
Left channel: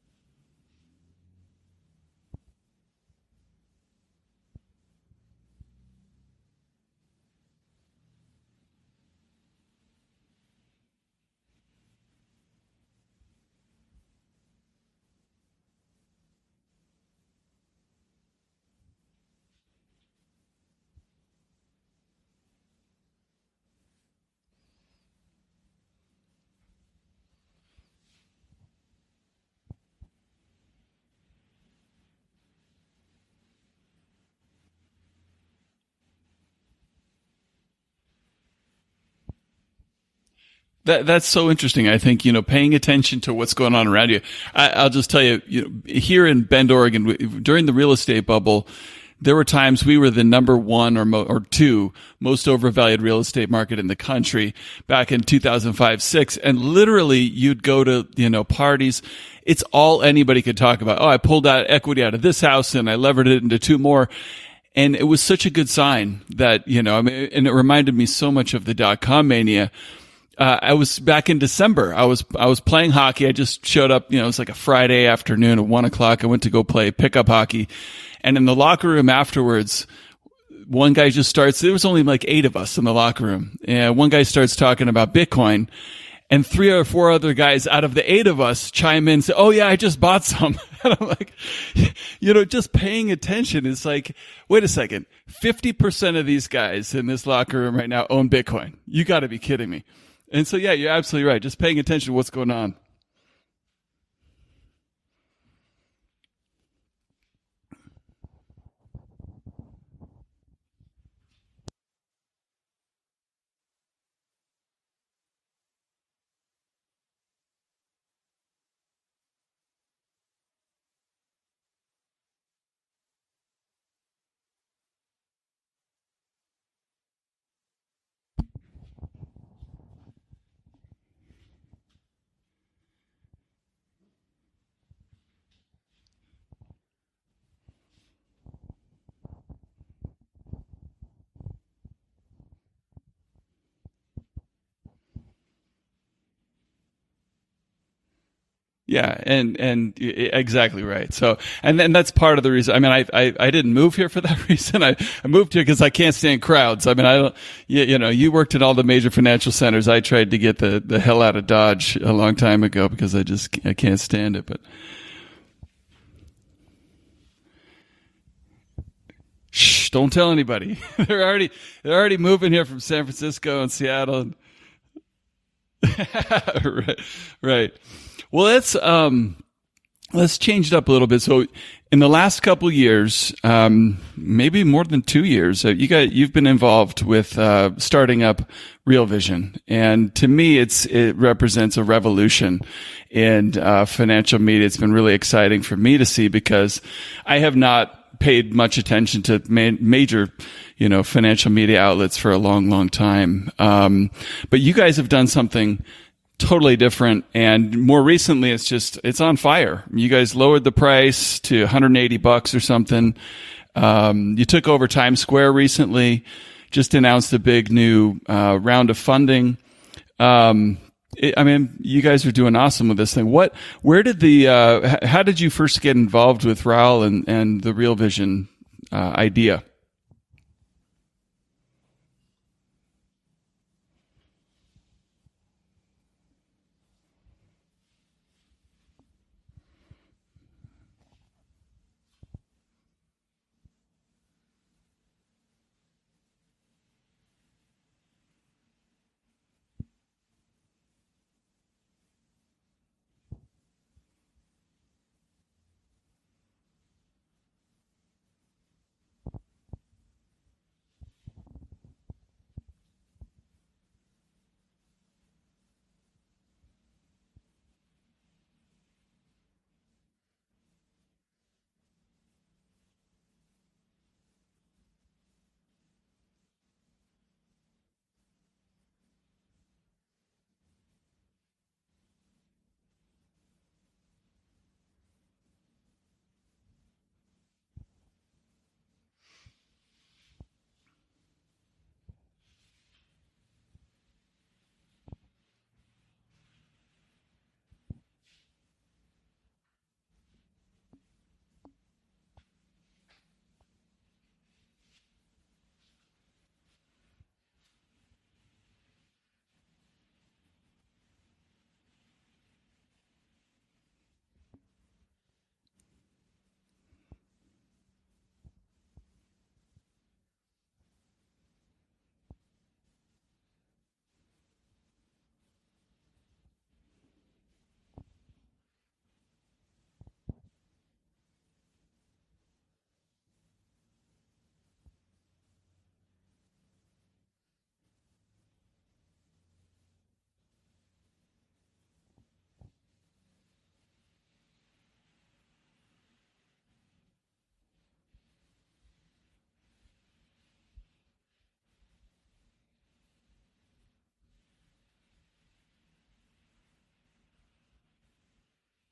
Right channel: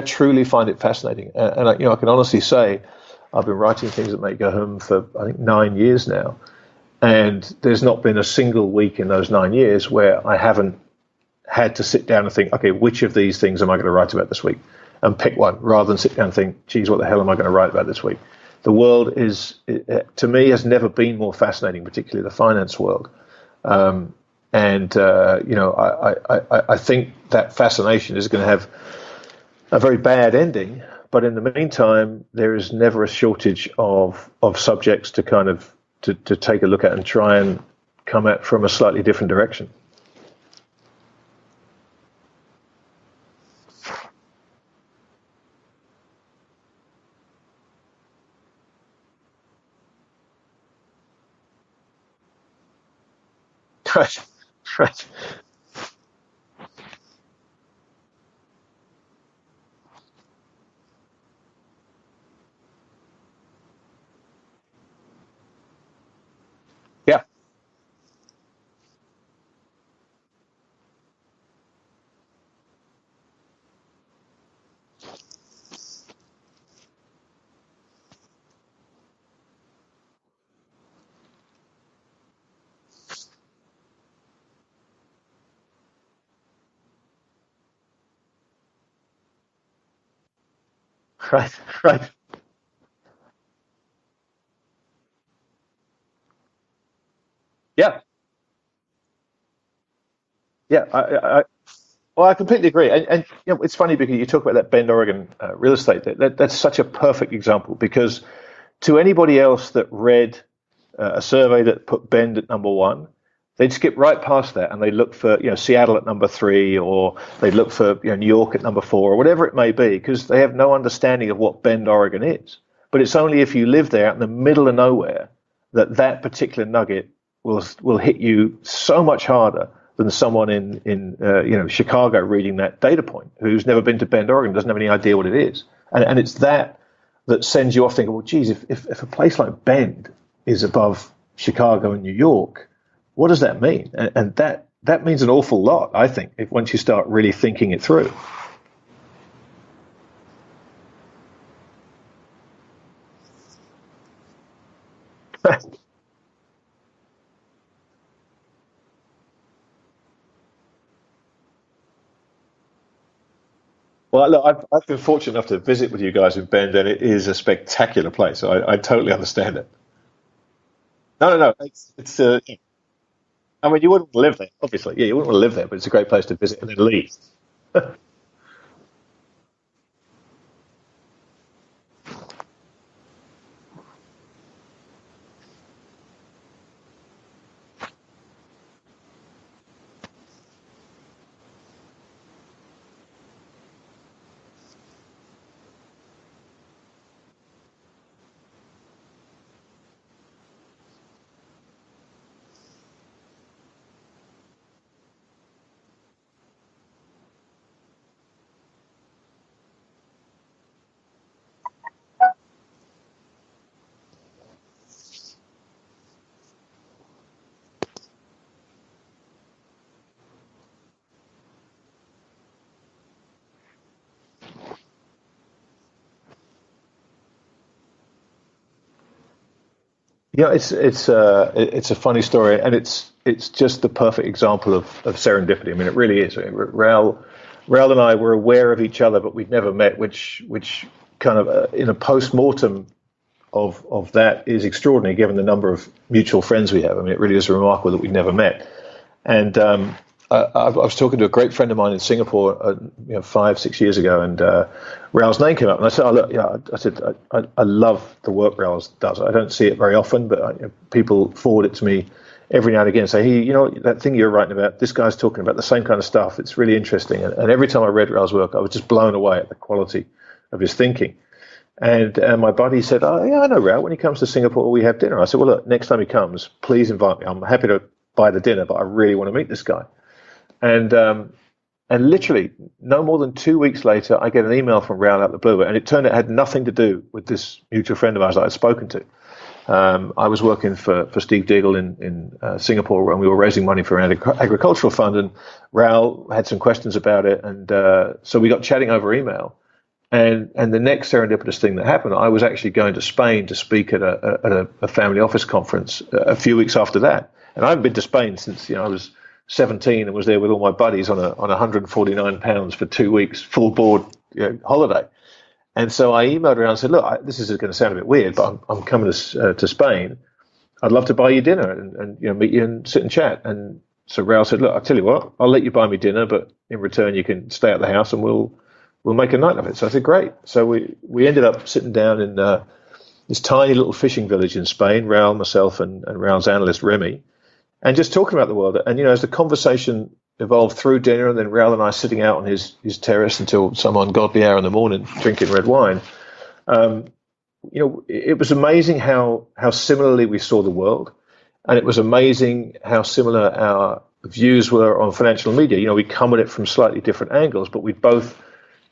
truly find it fascinating. And I can honestly say I've been writing things that make go home for I think 9 years now, and there's not been a single week in those 9 years where I haven't had to sit down and think, okay, which of these things am I going to write about this week? And pick one, rather than sit down and think, geez, what the hell am I going to write about this week? The world to me, has never been more fascinating, particularly the finance world. And And I think that fascination is going to have a very bad ending. But in the meantime, there is never a shortage of subjects to kind of to take a look at and try and come at from a slightly different direction. That's so interesting. I think, paying attention to what's going on around you. I'll just tell you, here in Bend, Oregon, during the real estate bubble, there were times we were the number one or two most overvalued real estate market in the country back in 2005-06. And literally you'd go to, parties. It's all anybody could talk about. Oh, I pulled out equity out of this house and I levered it into two more. And it was such a good sign that, and it reminded me so much of the .com mania. I was back in December. I was playing hockey. I just showed up, it was like a Friday afternoon at 1:00. I went to go play pickup hockey. And in the locker room afterwards, one guy just starts, there was only like 8 of us in the locker room. And one guy starts talking about Bitcoin, and 3 or 4 other guys out of the 8 of us chime in and say, oh yeah, I just bought some. And I'm like, right. Just paying attention is like, wait a second, 50% of these guys in this locker room right now own Bitcoin. You got to be kidding me. And so, you're absolutely right. Just paying attention to what's going on. I completely agree. And it's funny because you talk about that Bend, Oregon real estate. That's such a perfect example, because to anybody else that read a survey that put Bend at number 1, they'd skip right past that and they'd look for Seattle at number 3, or they'd look for New York at number 4, or whatever it may be, because they have no understanding of what Bend, Oregon is. But it's only if you live there in the middle of nowhere that particular nugget will hit you so much harder than someone in Chicago reading that data point, who's never been to Bend, Oregon, doesn't have any idea what it is. And it's that sends you off thinking, well, geez, if a place like Bend is above Chicago and New York, what does that mean? And that means an awful lot, I think, once you start really thinking it through. Yeah, and exactly right. So, and then that's part of the reason. I mean, I didn't move here for that reason. I moved here because I can't stand crowds. I mean, I don't. You worked in all the major financial centers. I tried to get the hell out of Dodge a long time ago because I can't stand it. Look, I've been fortunate enough to visit with you guys in Bend, and it is a spectacular place. I totally understand it. Shh! Don't tell anybody. They're already moving here from San Francisco and Seattle. You wouldn't live there, obviously. Yeah, you wouldn't want to live there, but it's a great place to visit. Right. Well, let's change it up a little bit. So, in the last couple years, maybe more than 2 years, you've been involved with starting up RealVision, and to me, it represents a revolution in financial media. It's been really exciting for me to see, because I have not paid much attention to major financial media outlets for a long, long time. But you guys have done something totally different, and more recently it's on fire. You guys lowered the price to $180 or something. You took over Times Square recently, just announced a big new round of funding. You guys are doing awesome with this thing. How did you first get involved with Raul and the RealVision idea? It's a funny story, and it's just the perfect example of serendipity. I mean, it really is. Raul and I were aware of each other, but we'd never met, which kind of in a post-mortem of that is extraordinary, given the number of mutual friends we have. I mean, it really is remarkable that we'd never met. And I was talking to a great friend of mine in Singapore, 5-6 years ago, and Raul's name came up, and I said, I love the work Raul does. I don't see it very often, but people forward it to me every now and again and say, hey, that thing you're writing about, this guy's talking about the same kind of stuff. It's really interesting. And every time I read Raul's work, I was just blown away at the quality of his thinking. And my buddy said, oh, yeah, I know Raul. When he comes to Singapore, we have dinner. I said, well, look, next time he comes, please invite me. I'm happy to buy the dinner, but I really want to meet this guy. And literally no more than 2 weeks later, I get an email from Raul out of the blue, and it turned out it had nothing to do with this mutual friend of ours that I'd spoken to. I was working for Steve Diggle in Singapore when we were raising money for an agricultural fund, and Raul had some questions about it, and so we got chatting over email. And the next serendipitous thing that happened, I was actually going to Spain to speak at a family office conference a few weeks after that, and I haven't been to Spain since I was 17 and was there with all my buddies on 149 pounds for 2 weeks full board holiday. And so I emailed around and said, look, this is going to sound a bit weird, but I'm coming to Spain. I'd love to buy you dinner and meet you and sit and chat. And so Raoul said, look, I'll tell you what, I'll let you buy me dinner, but in return you can stay at the house and we'll make a night of it. So I said, great. So we ended up sitting down in this tiny little fishing village in Spain, Raoul, myself, and Raoul's analyst, Remy, and just talking about the world. And, as the conversation evolved through dinner, and then Raoul and I sitting out on his terrace until some ungodly hour in the morning, drinking red wine, it was amazing how similarly we saw the world. And it was amazing how similar our views were on financial media. We come at it from slightly different angles, but we both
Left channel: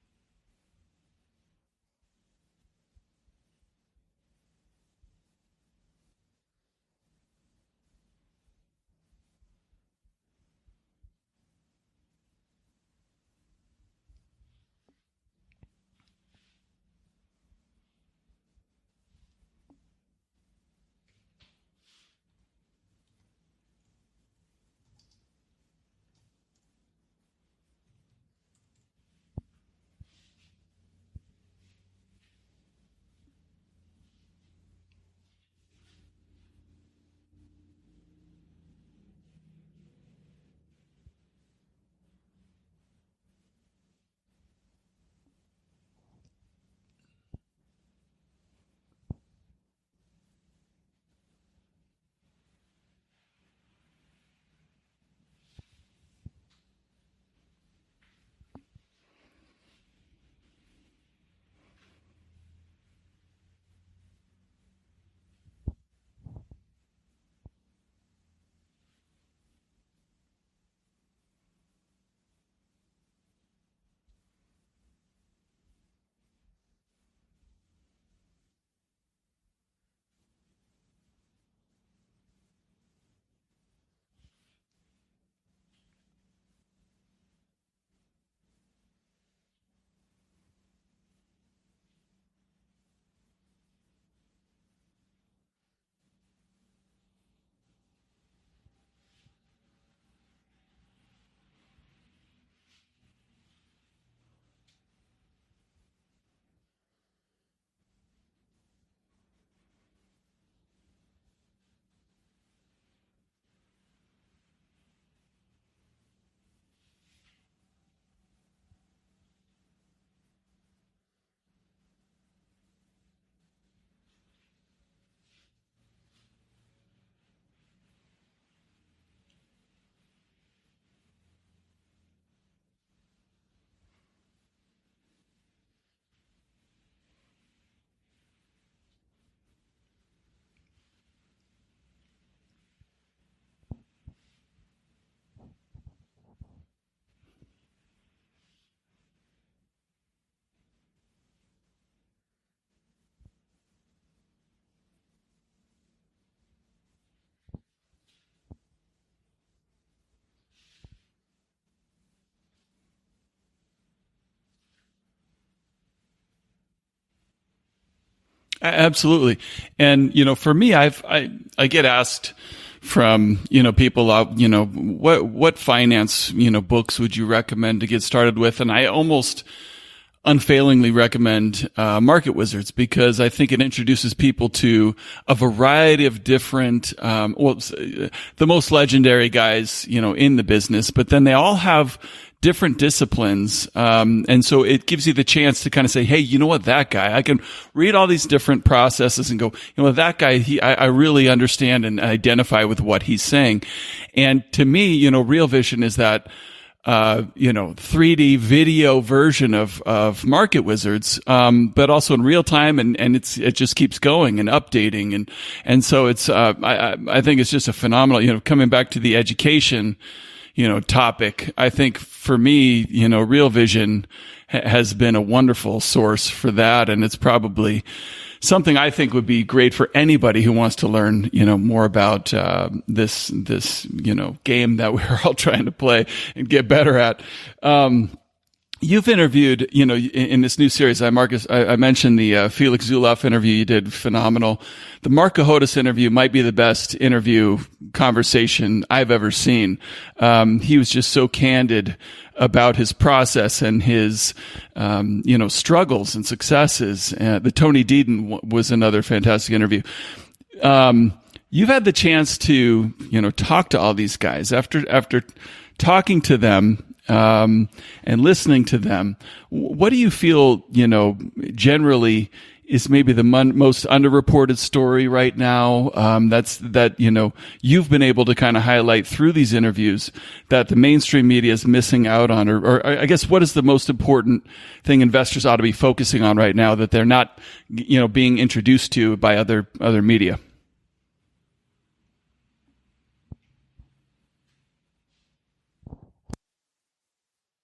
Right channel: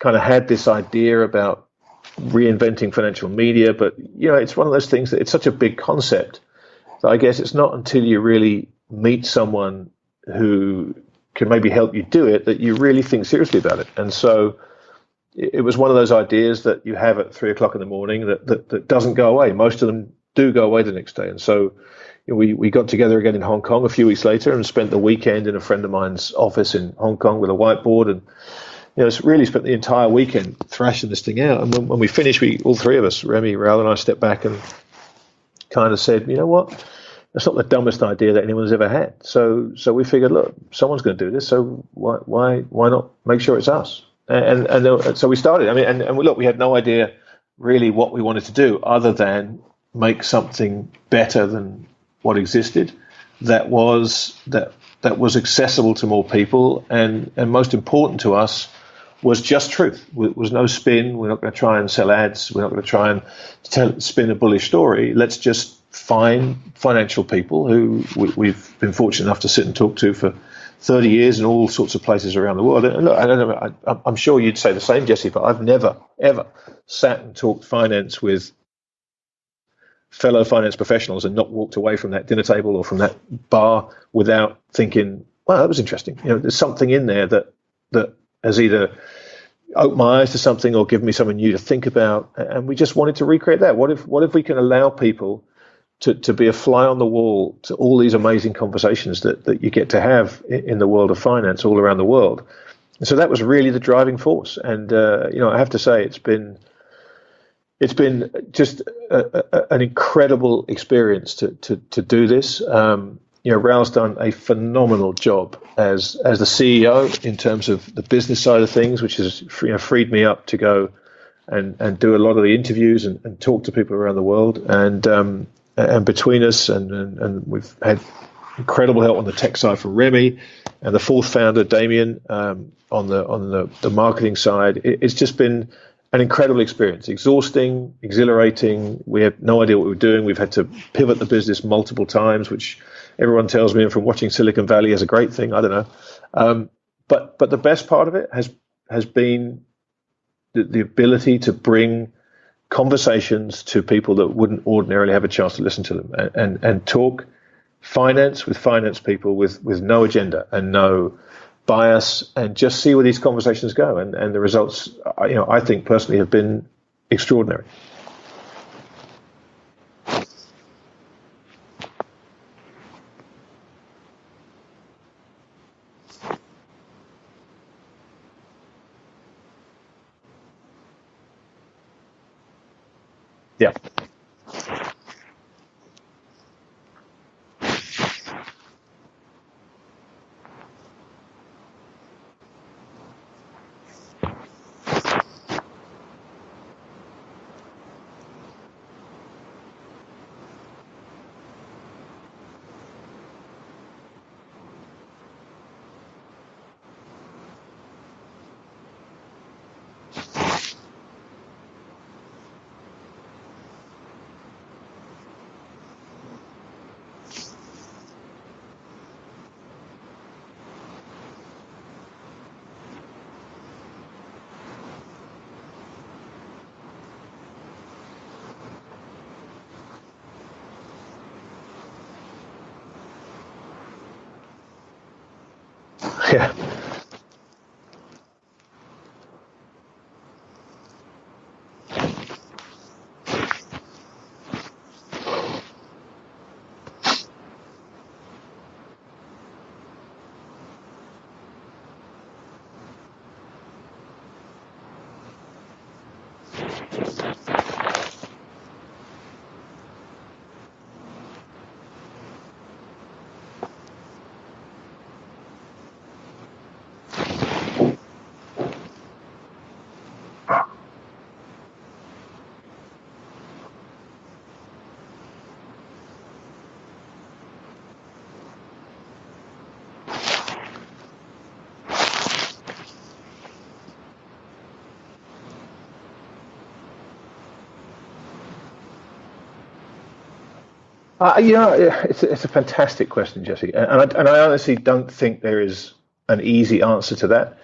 kind of had this idea about reinventing financial media. But, it's one of those things that it's such a big concept that I guess it's not until you really meet someone who can maybe help you do it that you really think seriously about it. And so it was one of those ideas that you have at 3 o'clock in the morning that doesn't go away. Most of them do go away the next day. And so we got together again in Hong Kong a few weeks later and spent the weekend in a friend of mine's office in Hong Kong with a whiteboard, and really spent the entire weekend thrashing this thing out. And when we finished, all three of us, Remy, Raoul, and I, stepped back and kind of said, you know what? That's not the dumbest idea that anyone's ever had. So we figured, look, someone's going to do this, so why not make sure it's us? And so we started. I mean, and look, we had no idea really what we wanted to do other than make something better than what existed, that was accessible to more people, and most important to us was just truth. It was no spin. We're not going to try and sell ads. We're not going to try and spin a bullish story. Let's just find financial people who we've been fortunate enough to sit and talk to for 30 years in all sorts of places around the world. And look, I don't know, I'm sure you'd say the same, Jesse, but I've never, ever sat and talked finance with fellow finance professionals and not walked away from that dinner table or from that bar without thinking, wow, that was interesting. There's something in there that has either opened my eyes to something or given me something new to think about. And we just wanted to recreate that. What if we can allow people to be a fly on the wall to all these amazing conversations that you get to have in the world of finance all around the world? And so that was really the driving force. And, I have to say, it's been just an incredible experience to do this. Raoul's done a phenomenal job as the CEO in terms of the business side of things, which has freed me up to go and do a lot of the interviews and talk to people around the world. And between us, and we've had incredible help on the tech side from Remy and the fourth founder, Damien, on the marketing side. It's just been an incredible experience, exhausting, exhilarating. We had no idea what we were doing. We've had to pivot the business multiple times, which everyone tells me, and from watching Silicon Valley, is a great thing. I don't know. But the best part of it has been the ability to bring conversations to people that wouldn't ordinarily have a chance to listen to them, and talk finance with finance people with no agenda and no bias, and just see where these conversations go. And the results, I think personally, have been extraordinary. Absolutely. And, for me, I get asked from, people, what finance, books would you recommend to get started with? And I almost unfailingly recommend Market Wizards, because I think it introduces people to a variety of different, the most legendary guys, in the business, but then they all have different disciplines. And so it gives you the chance to kind of say, hey, you know what, that guy, I can read all these different processes and go, that guy, I really understand and identify with what he's saying. And to me, RealVision is that 3D video version of Market Wizards, but also in real time, and it just keeps going and updating, and so it's I think it's just a phenomenal, coming back to the education, topic. I think for me, RealVision has been a wonderful source for that, and it's probably something I think would be great for anybody who wants to learn, more about this game that we're all trying to play and get better at. You've interviewed, in this new series, I mentioned the Felix Zulauf interview. You did phenomenal. The Mark Cahotis interview might be the best interview conversation I've ever seen. He was just so candid about his process and his struggles and successes. The Tony Deaton was another fantastic interview. You've had the chance to, talk to all these guys. After talking to them and listening to them, what do you feel, generally is maybe the most underreported story right now, that you've been able to kind of highlight through these interviews that the mainstream media is missing out on, or I guess what is the most important thing investors ought to be focusing on right now that they're not, being introduced to by other media? It's a fantastic question, Jesse, and I honestly don't think there is an easy answer to that.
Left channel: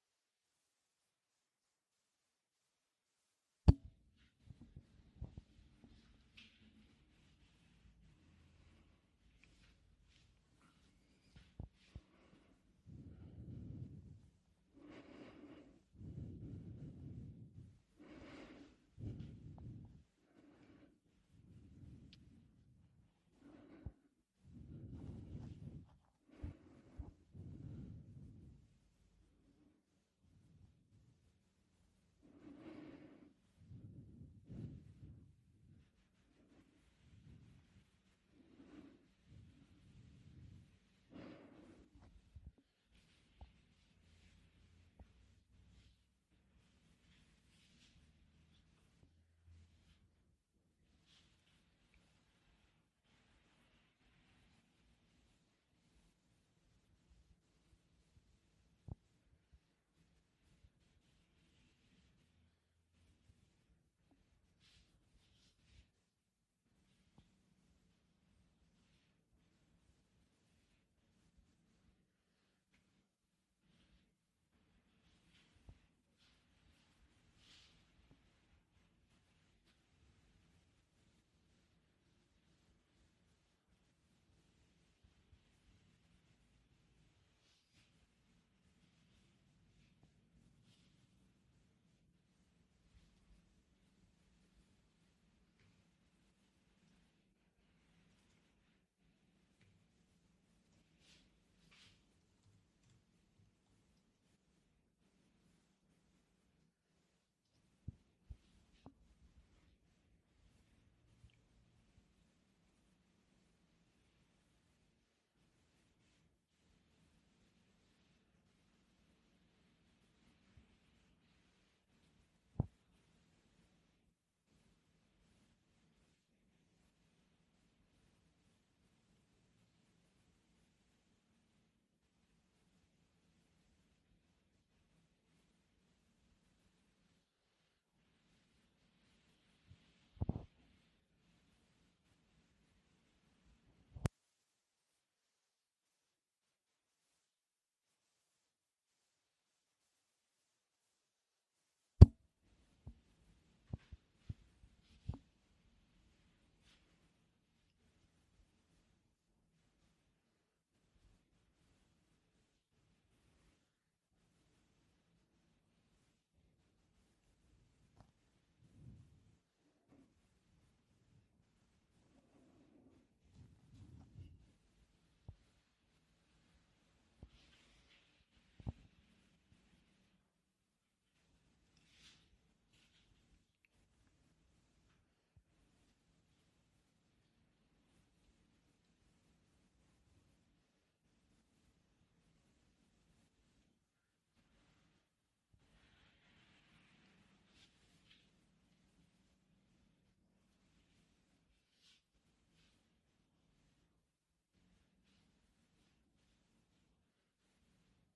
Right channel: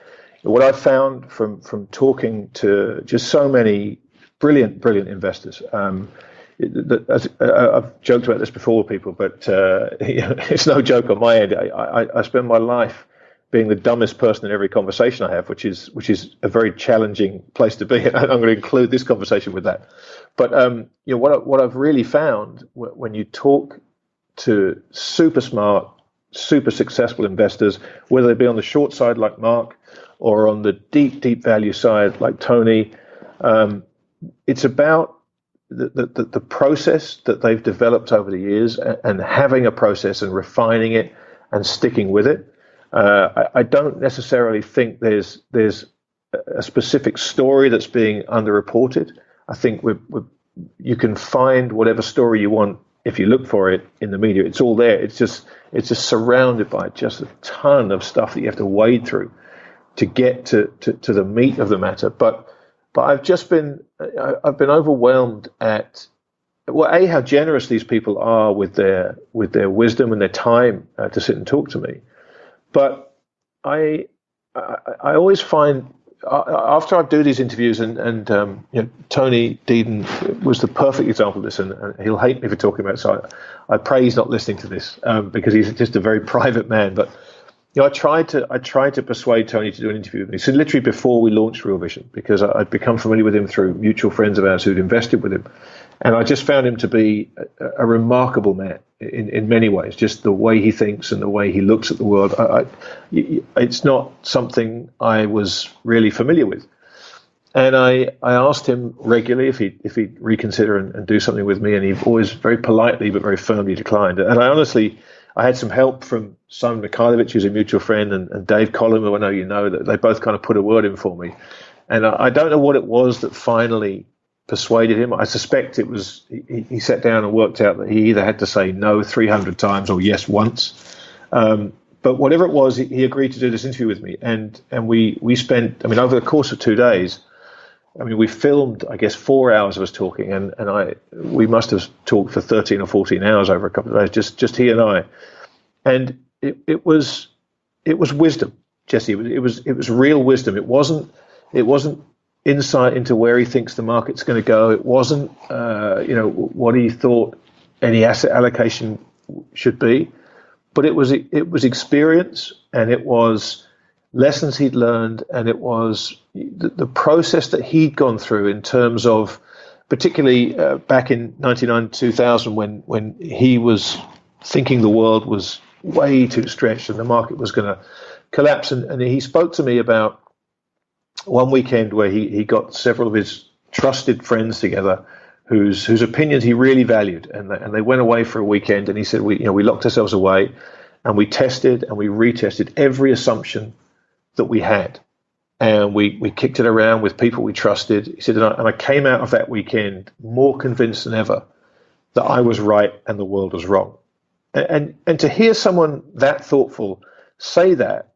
What I've found from talking to just so many brilliant investors, I've joked about this before with people, but it's no joke on my end. I spend my life being the dumbest person in every conversation I have, which is a very challenging place to be. And I'm going to include this conversation with that. But what I've really found when you talk to super smart, super successful investors, whether they be on the short side like Mark or on the deep value side like Tony, it's about the process that they've developed over the years, and having a process and refining it and sticking with it. I don't necessarily think there's a specific story that's being underreported. I think you can find whatever story you want if you look for it in the media. It's all there. It's just surrounded by just a ton of stuff that you have to wade through to get to the meat of the matter. But I've been overwhelmed at how generous these people are with their wisdom and their time to sit and talk to me. But I always find after I do these interviews, and Tony Deeden was the perfect example of this, and he'll hate me for talking about it, so I pray he's not listening to this because he's just a very private man. But I tried to persuade Tony to do an interview with me. So literally before we launched RealVision, because I'd become familiar with him through mutual friends of ours who'd invested with him, and I just found him to be a remarkable man in many ways. Just the way he thinks and the way he looks at the world. It's not something I was really familiar with. And I asked him regularly if he'd reconsider and do something with me, and he always very politely but very firmly declined. And I had some help from Simon Mikhailovich, who's a mutual friend, and Dave Collum, who I know you know, that they both kind of put a word in for me. And I don't know what it was that finally persuaded him. I suspect it was he sat down and worked out that he either had to say no 300 times or yes once. But whatever it was, he agreed to do this interview with me. And we spent, over the course of 2 days, we filmed, I guess, 4 hours of us talking, and we must have talked for 13 or 14 hours over a couple of days, just he and I. And it was wisdom, Jesse. It was real wisdom. It wasn't insight into where he thinks the market's going to go. It wasn't what he thought any asset allocation should be, but it was experience, and it was lessons he'd learned, and it was the process that he'd gone through in terms of, particularly back in 1999, 2000, when he was thinking the world was way too stretched and the market was going to collapse. And he spoke to me about one weekend where he got several of his trusted friends together whose opinions he really valued, and they went away for a weekend, and he said we locked ourselves away and we tested and we retested every assumption that we had, and we kicked it around with people we trusted. He said, and I came out of that weekend more convinced than ever that I was right and the world was wrong. And to hear someone that thoughtful say that,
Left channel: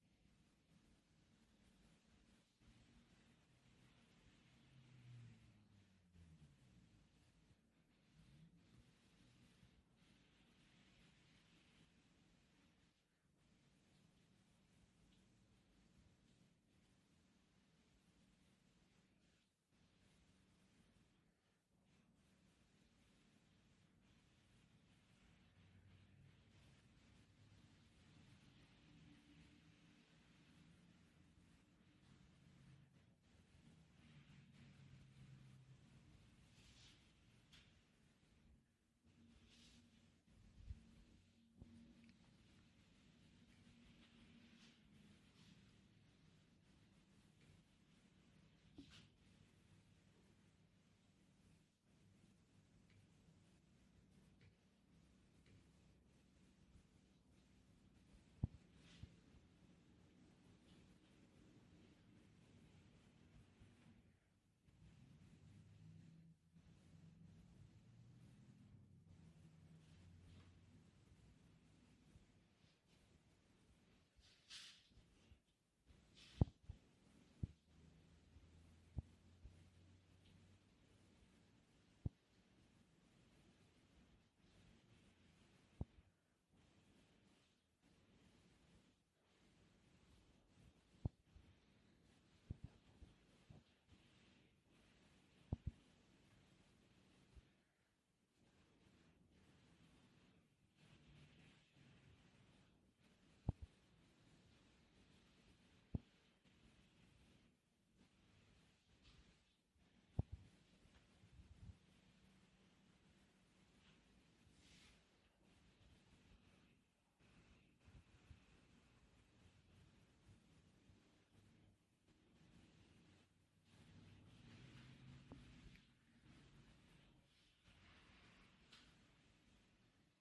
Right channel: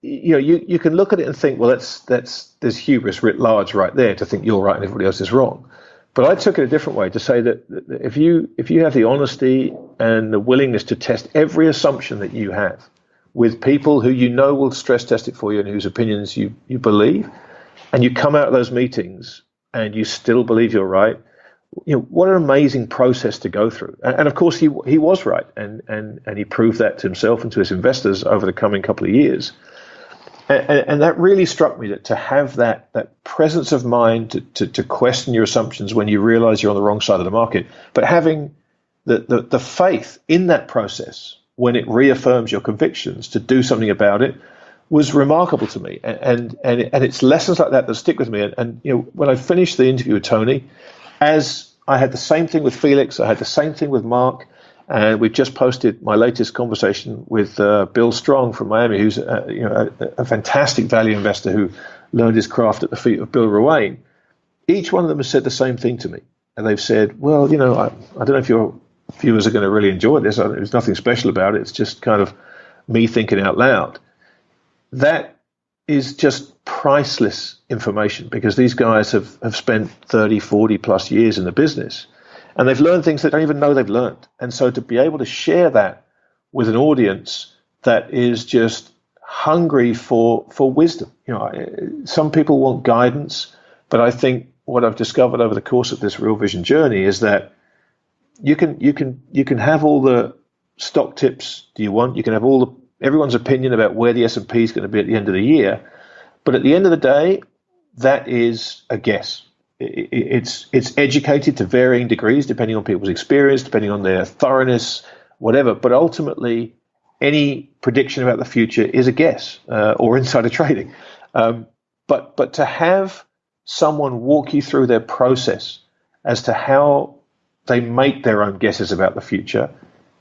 you can look at it and think, well, there's hubris writ large right there to think you're right and everybody else is wrong. But I took it a different way, to say that if you have the honesty and the willingness to test every assumption that you have with people who will stress test it for you and whose opinions you believe, and you come out of those meetings and you still believe you're right, what an amazing process to go through. And of course he was right, and he proved that to himself and to his investors over the coming couple of years. And that really struck me, that to have that presence of mind to question your assumptions when you realize you're on the wrong side of the market, but having the faith in that process when it reaffirms your convictions to do something about it, was remarkable to me. And it's lessons like that stick with me. And when I finished the interview with Tony, as I had the same thing with Felix, I had the same thing with Mark, And we've just posted my latest conversation with Bill Strong from Miami, who's a fantastic value investor who learned his craft at the feet of Bill Ruane. Each one of them has said the same thing to me. And they've said, well, I don't know if your viewers are going to really enjoy this. There's nothing special about it. It's just kind of me thinking out loud. That is just priceless information, because these guys have spent 30, 40 plus years in the business, and they've learned things they don't even know they've learned. And so to be able to share that with an audience that is just hungry for wisdom. Some people want guidance, but I think what I've discovered over the course of this RealVision journey is that you can have all the stock tips you want. You can have everyone's opinion about where the S&P is going to be at the end of the year, but at the end of the day, that is a guess. It's educated to varying degrees depending on people's experience, depending on their thoroughness, whatever. But ultimately, any prediction about the future is a guess or insider trading. But to have someone walk you through their process as to how they make their own guesses about the future,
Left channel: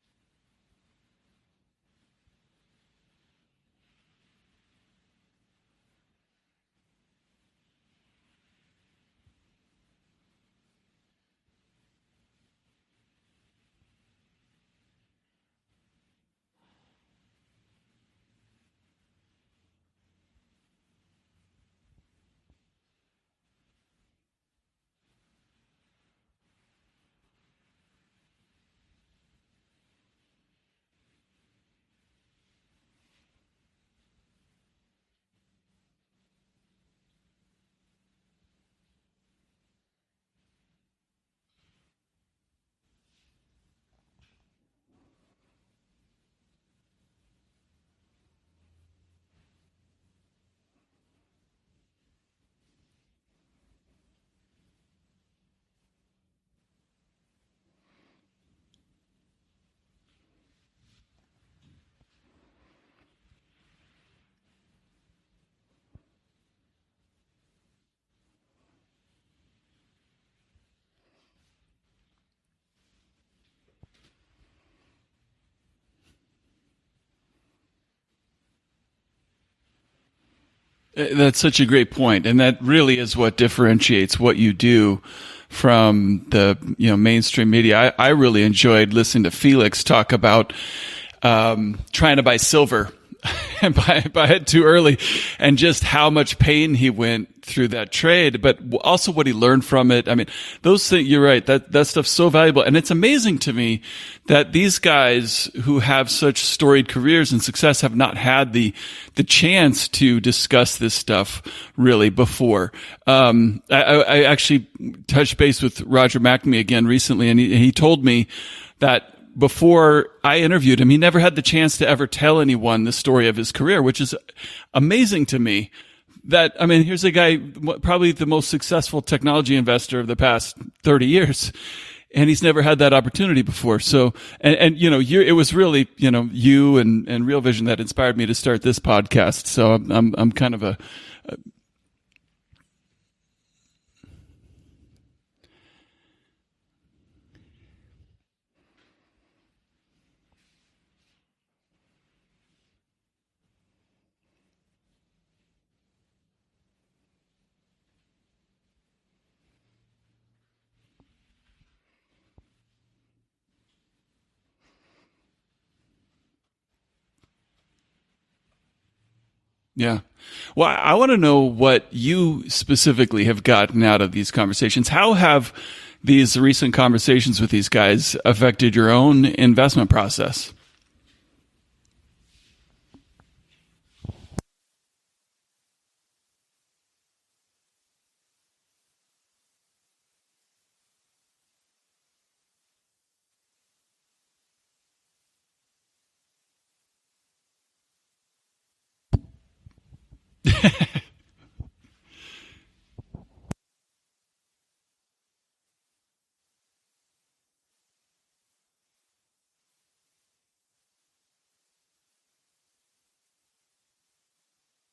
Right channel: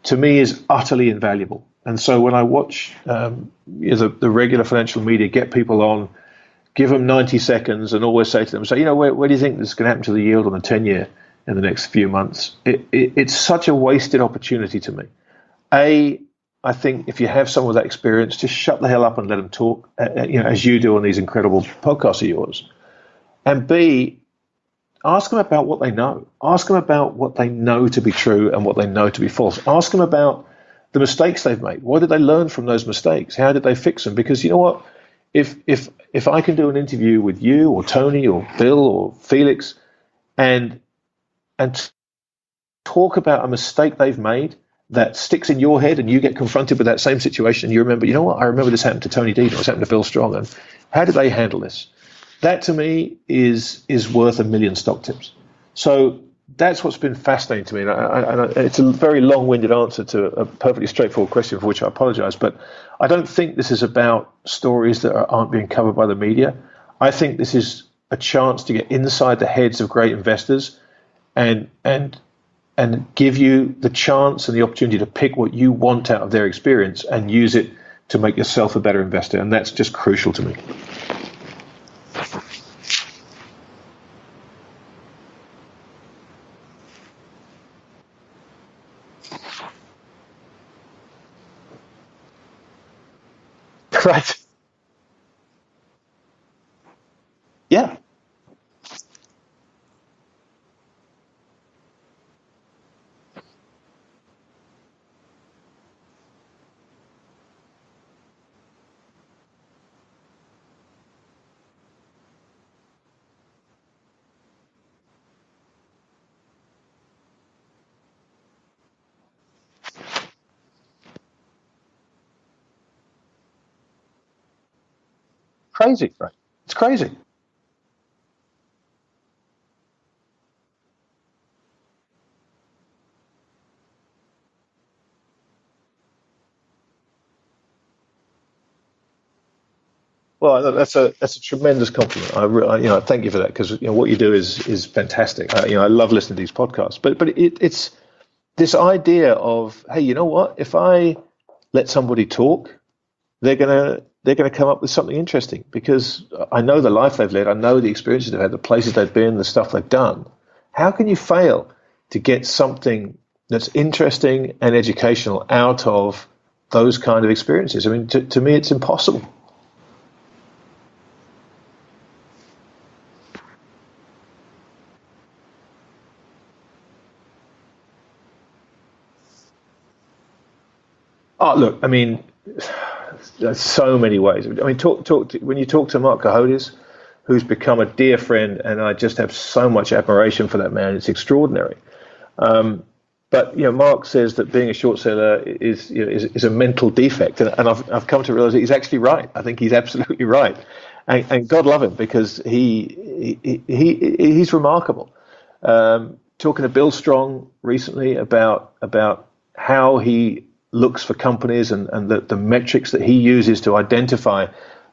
to me, is utterly invaluable. And so when I watch the regular financial media get people on, give them 90 seconds and always say to them, where do you think this is going to happen to the yield on the 10-year in the next few months? It's such a wasted opportunity to me. I think if you have some of that experience, just shut the hell up and let them talk, as you do on these incredible podcasts of yours. And B, ask them about what they know. Ask them about what they know to be true and what they know to be false. Ask them about the mistakes they've made. What did they learn from those mistakes? How did they fix them? Because you know what? If I can do an interview with you or Tony or Bill or Felix and talk about a mistake they've made that sticks in your head, and you get confronted with that same situation, and you remember, you know what? I remember this happened to Tony Dean, or this happened to Bill Strong, and how did they handle this? That to me is worth a million stock tips. So that's what's been fascinating to me. And it's a very long-winded answer to a perfectly straightforward question, for which I apologize. But I don't think this is about stories that aren't being covered by the media. I think this is a chance to get inside the heads of great investors and give you the chance and the opportunity to pick what you want out of their experience and use it to make yourself a better investor. And that's just crucial to me. That's such a great point. And that really is what differentiates what you do from the mainstream media. I really enjoyed listening to Felix talk about trying to buy silver and buy it too early, and just how much pain he went through that trade, but also what he learned from it. I mean, those things, you're right, that stuff's so valuable. And it's amazing to me that these guys who have such storied careers and success have not had the chance to discuss this stuff really before. I actually touched base with Roger McNamee again recently, and he told me that before I interviewed him, he never had the chance to ever tell anyone the story of his career, which is amazing to me. Crazy, right? Here's a guy, probably the most successful technology investor of the past 30 years, and he's never had that opportunity before. So, it was really, you and RealVision that inspired me to start this podcast. So I'm kind of. That's a tremendous compliment. I thank you for that, because what you do is fantastic. I love listening to these podcasts, but it's this idea of, hey, you know what? If I let somebody talk, they're gonna come up with something interesting, because I know the life they've led, I know the experiences they've had, the places they've been, the stuff they've done. How can you fail to get something that's interesting and educational out of those kind of experiences? I mean, to me, it's impossible. Yeah. Well, I want to know what you specifically have gotten out of these conversations. How have these recent conversations with these guys affected your own investment process? Oh, look, I mean, there's so many ways. I mean, when you talk to Mark Cohodes, who's become a dear friend, and I just have so much admiration for that man. It's extraordinary. But Mark says that being a short seller is a mental defect, and I've come to realize that he's actually right. I think he's absolutely right, and God love him, because he's remarkable. Talking to Bill Strong recently about how he looks for companies and the metrics that he uses to identify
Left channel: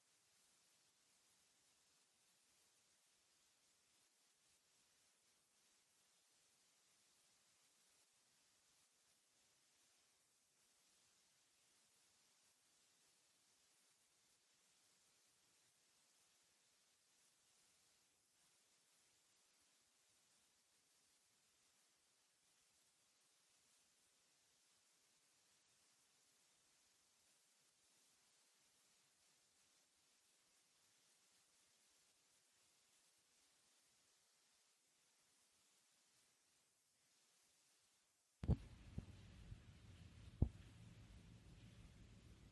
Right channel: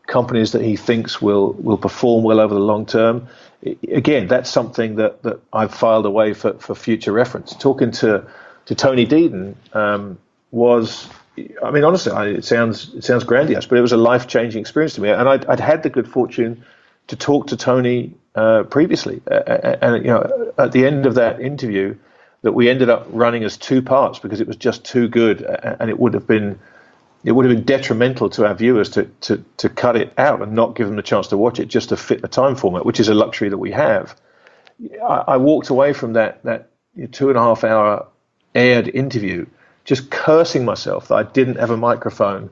companies that he thinks will perform well over the long term. Again, that's something that I've filed away for future reference. Talking to to Tony Deaton was, I mean, honestly, it sounds grandiose, but it was a life-changing experience to me. And I'd had the good fortune to talk to Tony previously, and at the end of that interview, that we ended up running as two parts because it was just too good, and it would have been detrimental to our viewers to cut it out and not give them the chance to watch it just to fit the time format, which is a luxury that we have. I walked away from that 2.5 hour aired interview just cursing myself that I didn't have a microphone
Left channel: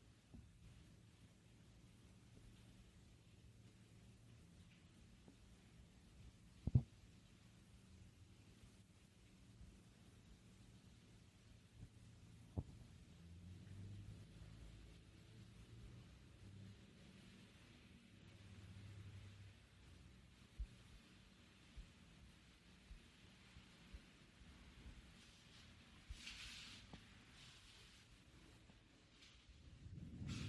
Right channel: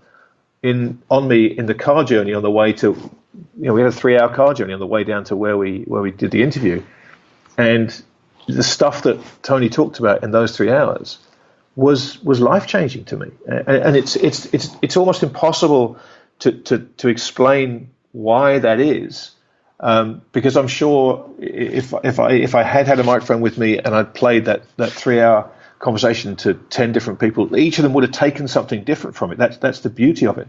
on me in the car journey on the way to, we had a 3-hour car journey on the way down to where we did the interview, and the stuff that Tony talked about in those 3 hours was life-changing to me, and it's almost impossible to explain why that is, because I'm sure if I had a microphone with me and I'd played that 3-hour conversation to 10 different people, each of them would have taken something different from it. That's the beauty of it.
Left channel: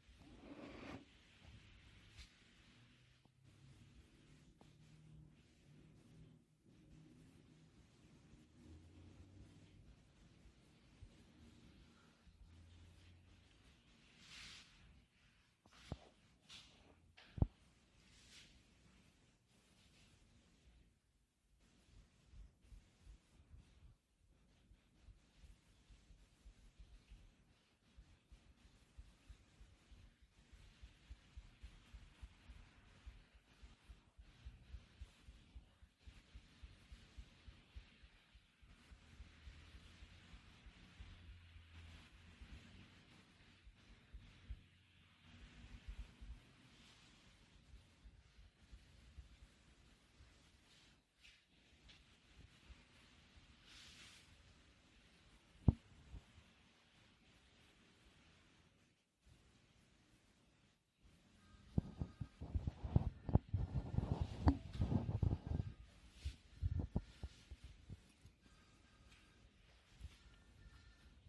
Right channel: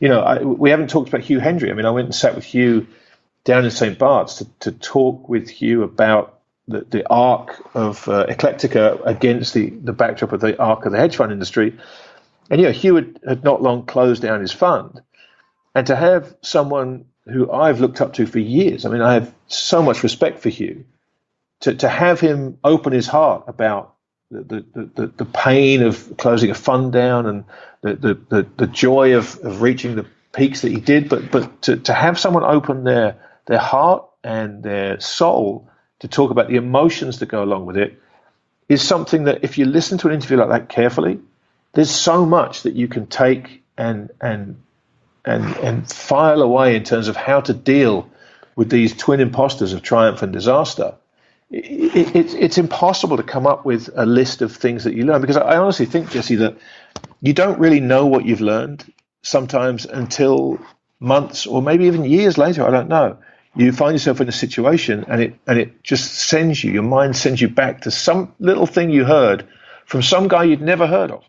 We haven't talked about Hugh Hendry. I mean, I went and sat with Hugh down in St. Bart's to talk with Hugh about the arc of Eclectica against the backdrop of the arc of the hedge fund industry. And Hugh had not long closed down his fund. And to have someone who I've looked up to for years, I mean, I have so much respect for Hugh, to have him open his heart about the pain of closing a fund down and the joy of reaching the peaks that he did, but to have someone open their heart and their soul to talk about the emotions that go along with it is something that, if you listen to an interview like that carefully, there's so much that you can take and file away in terms of how to deal with these twin imposters of triumph and disaster. It's impossible to come up with a list of things that you learn, because I honestly think, Jesse, that you don't really know what you've learned sometimes until months or maybe even years later. I don't know. You find yourself in a situation and it just sends you, your mind sends you back to some little thing you heard from some guy you'd never heard of.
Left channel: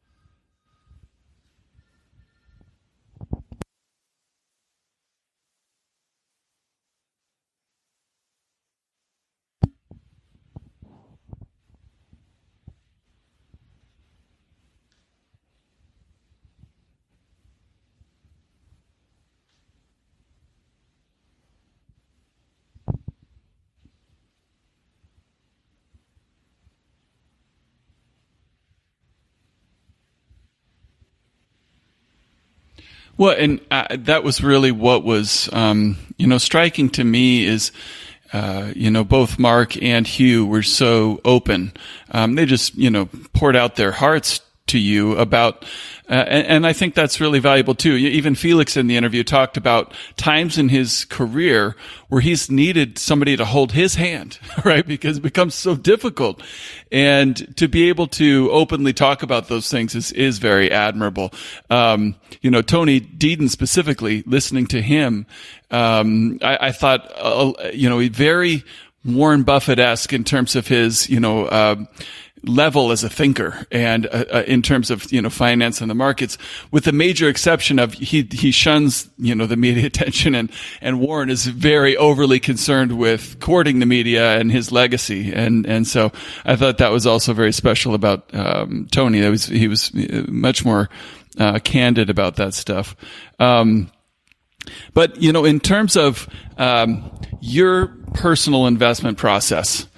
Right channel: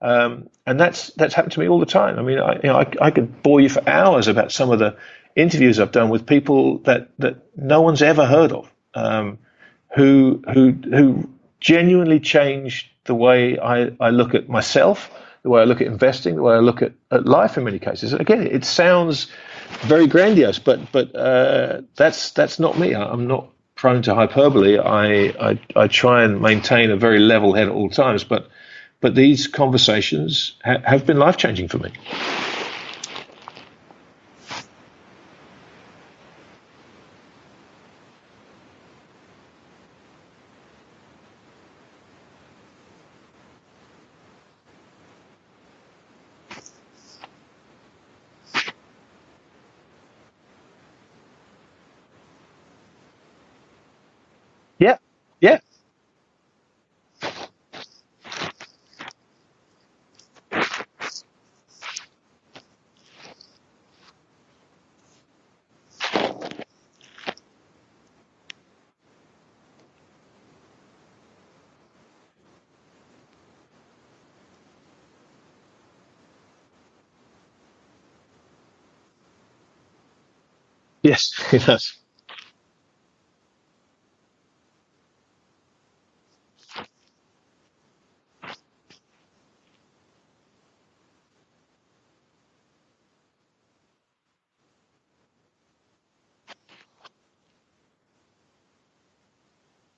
And that's happened to me all the time. I mean, I could bore you for hours about some of the interviews I've done with people that no one's ever heard of, who genuinely changed the way I look at myself, the way I look at investing, the way I look at life in many cases. Again, it sounds very grandiose, but that's not me. I'm not prone to hyperbole. I try and maintain a very level head at all times, but these conversations have been life-changing for me. Well, and that was really what was, striking to me is, both Mark and Hugh were so open. They just, poured out their hearts to you about, and I think that's really valuable too. Even Felix in the interview talked about times in his career where he's needed somebody to hold his hand, right? Yeah. Because it becomes so difficult. And to be able to openly talk about those things is very admirable. Tony Deaton specifically, listening to him, I thought, very Warren Buffett-esque in terms of his, level as a thinker and in terms of finance and the markets, with the major exception of he shuns the media attention, and Warren is very overly concerned with courting the media and his legacy, and so I thought that was also very special about Tony. He was much more candid about that stuff. But in terms of your personal investment process,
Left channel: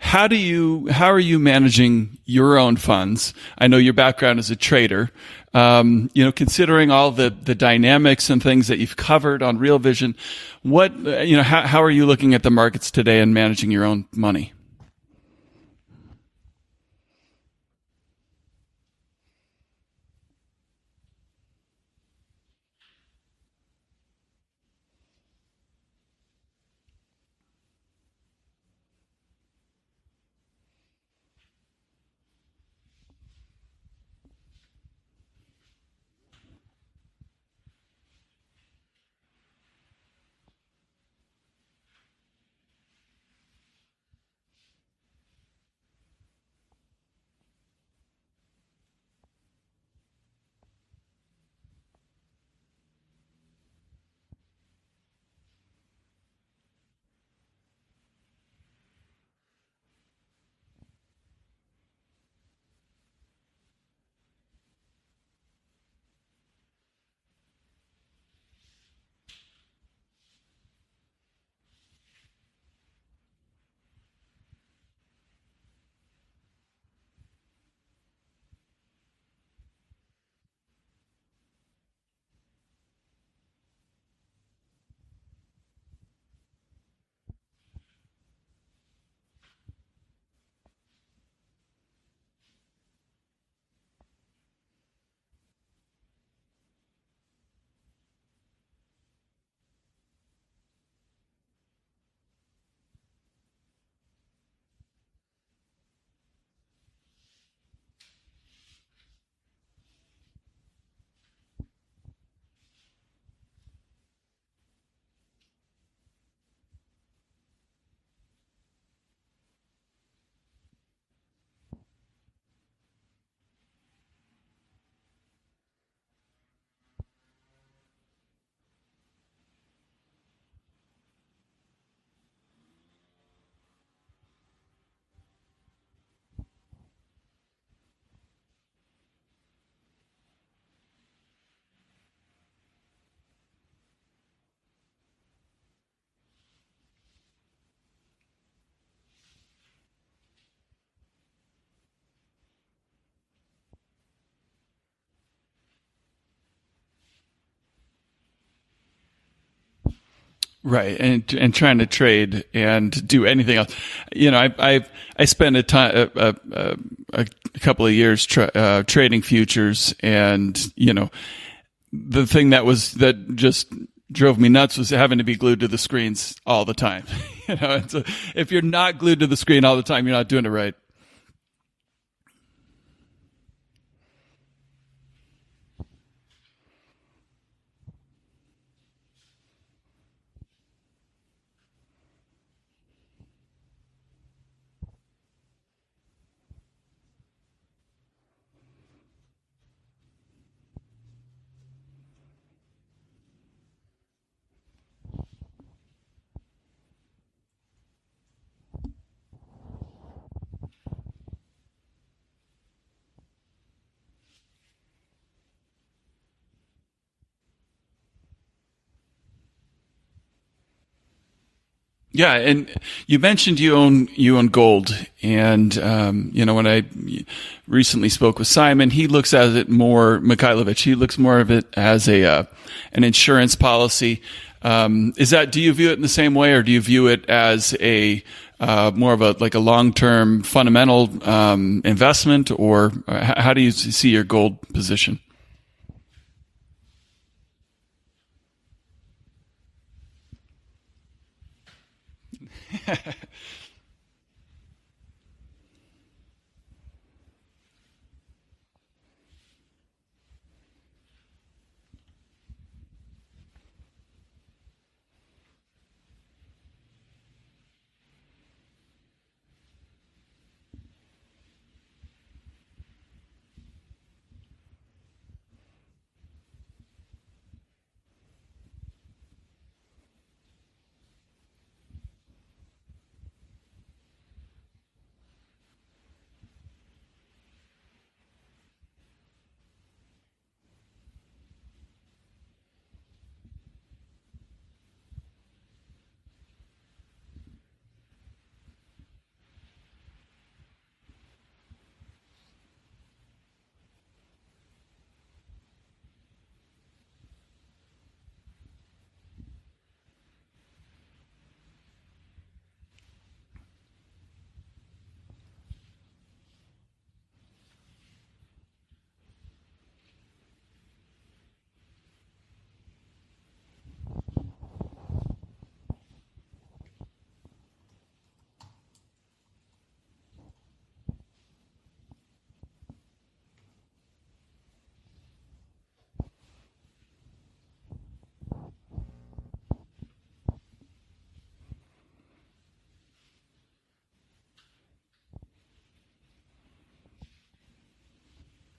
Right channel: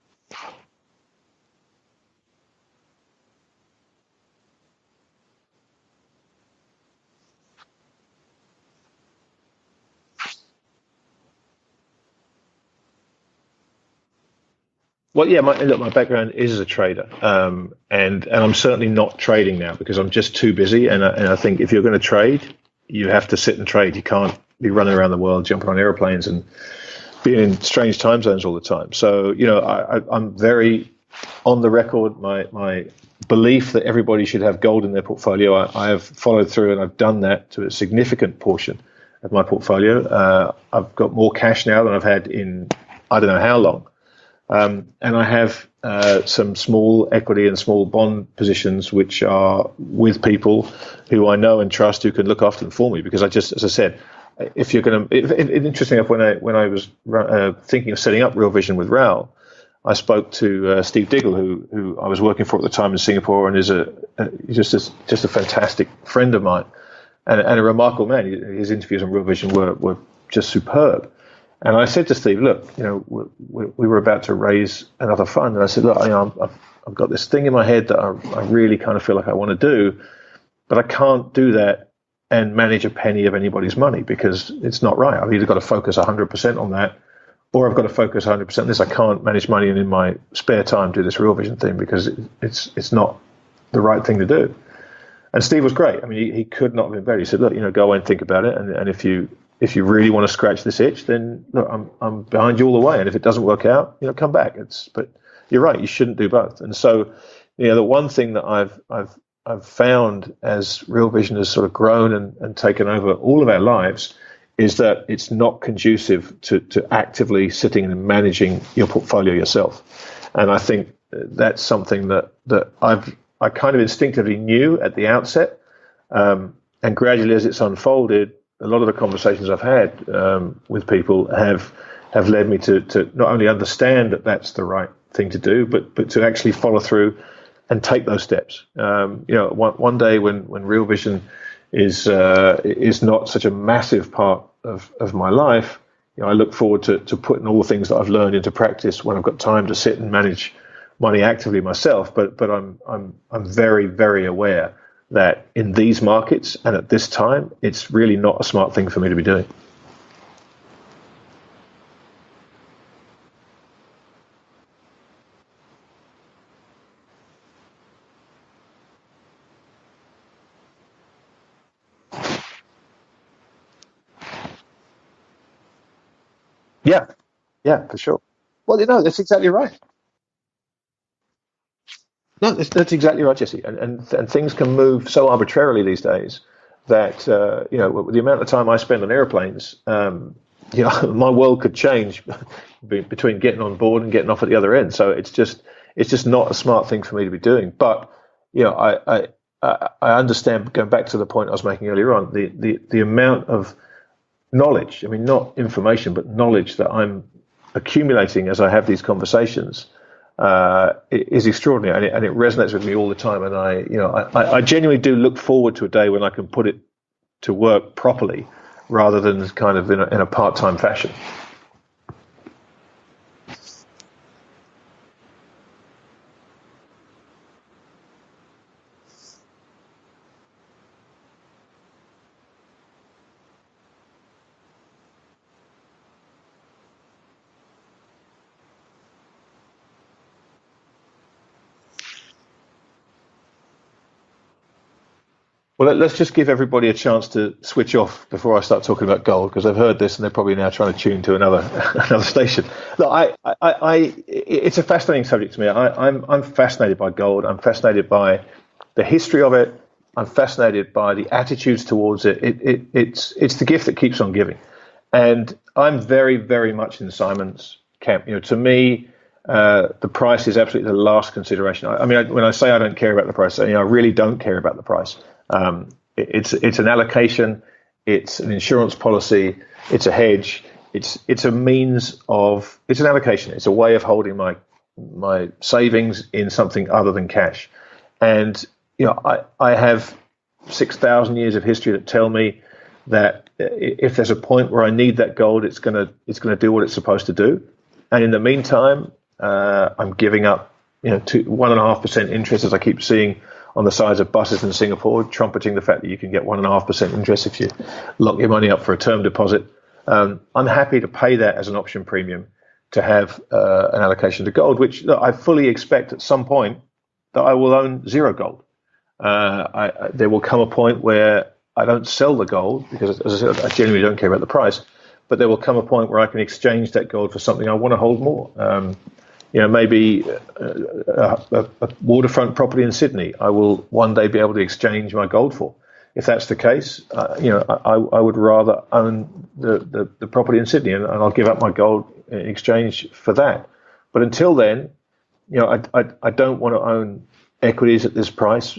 how are you managing your own funds? I know your background as a trader. Considering all the dynamics and things that you've covered on RealVision, how are you looking at the markets today and managing your own money? Well, yeah, my background is as a trader, and I'm certainly not trading now because I'm just too busy. And I think if you're going to trade, you have to sit and trade. You can't be running around the world, jumping on airplanes and being in strange time zones all the time. So, I'm very on the record. My belief that everybody should have gold in their portfolio, I have followed through, and I've done that to a significant portion of my portfolio. I've got more cash now than I've had in I don't know how long. And I have some small equity and small bond positions, which are with people who I know and trust, who can look after them for me. Because as I said, if you're going to, interesting enough, when I was thinking of setting up RealVision with Raoul, I spoke to Steve Diggle, who I was working for at the time in Singapore, and is just a fantastic friend of mine, and a remarkable man. His interviews on RealVision were just superb. And I said to Steve, look, we were about to raise another fund, and I said, look, I've got this thing in my head that I really kind of feel like I want to do, but I can't do that and manage a penny of anybody's money because it's not right. I've either got to focus 100% on that, or I've got to focus 100% on this. I can't manage money and in my spare time do this RealVision thing because it's not the right thing to do. And Steve was great. I mean, he could not have been better. He said, look, go away and think about it. And if you really want to scratch this itch, then look, I'm behind you all the way. And if it doesn't work out, come back. But you're right. You shouldn't do both. And so, the one thing that I've found as RealVision has sort of grown and taken over all of our lives is that it's not conducive to actively sitting and managing your portfolio yourself. And I think that's something that I kind of instinctively knew at the outset. And gradually as it's unfolded, a lot of the conversations I've had with people have led me to not only understand that that's the right thing to do, but to actually follow through and take those steps. One day when RealVision is not such a massive part of my life, I look forward to putting all the things that I've learned into practice when I've got time to sit and manage money actively myself. But I'm very, very aware that in these markets and at this time, it's really not a smart thing for me to be doing. Right, and trying to trade and do anything else. I spent a couple of years trading futures, and the thing that just drove me nuts was having to be glued to the screens all the time. Yeah, for sure. If you're not glued to the screen all the time, you're not doing it right. No, that's exactly right, Jesse. And things can move so arbitrarily these days that with the amount of time I spend on airplanes, my world could change between getting on board and getting off at the other end. So it's just not a smart thing for me to be doing. But I understand, going back to the point I was making earlier on, the amount of knowledge, I mean, not information, but knowledge that I'm accumulating as I have these conversations is extraordinary, and it resonates with me all the time. And I genuinely do look forward to a day when I can put it to work properly, rather than kind of in a part-time fashion. Yeah, and you mentioned you own gold, and when I recently spoke with Simon, he looks at it more, Mikhailovich. He looks more of it as an insurance policy. Do you view it in the same way, or do you view it as a more of a long-term fundamental investment, or how do you see your gold position? Well, let's just give everybody a chance to switch off before I start talking about gold, because I've heard this and they're probably now trying to tune to another station. Look, it's a fascinating subject to me. I'm fascinated by gold. I'm fascinated by the history of it. I'm fascinated by the attitudes towards it. It's the gift that keeps on giving, and I'm very, very much in Simon's camp. To me, the price is absolutely the last consideration. I mean, when I say I don't care about the price, I really don't care about the price. It's an allocation, it's an insurance policy, it's a hedge, it's a means of, it's an allocation, it's a way of holding my savings in something other than cash. And I have 6,000 years of history that tell me that if there's a point where I need that gold, it's gonna do what it's supposed to do. And in the meantime, I'm giving up 1.5% interest, as I keep seeing on the sides of buses in Singapore, trumpeting the fact that you can get 1.5% interest if you lock your money up for a term deposit. I'm happy to pay that as an option premium to have an allocation to gold, which I fully expect at some point that I will own zero gold. There will come a point where I don't sell the gold because, as I said, I genuinely don't care about the price, but there will come a point where I can exchange that gold for something I want to hold more. Maybe a waterfront property in Sydney, I will one day be able to exchange my gold for. If that's the case, I would rather own the property in Sydney, and I'll give up my gold in exchange for that. But until then, I don't want to own equities at this price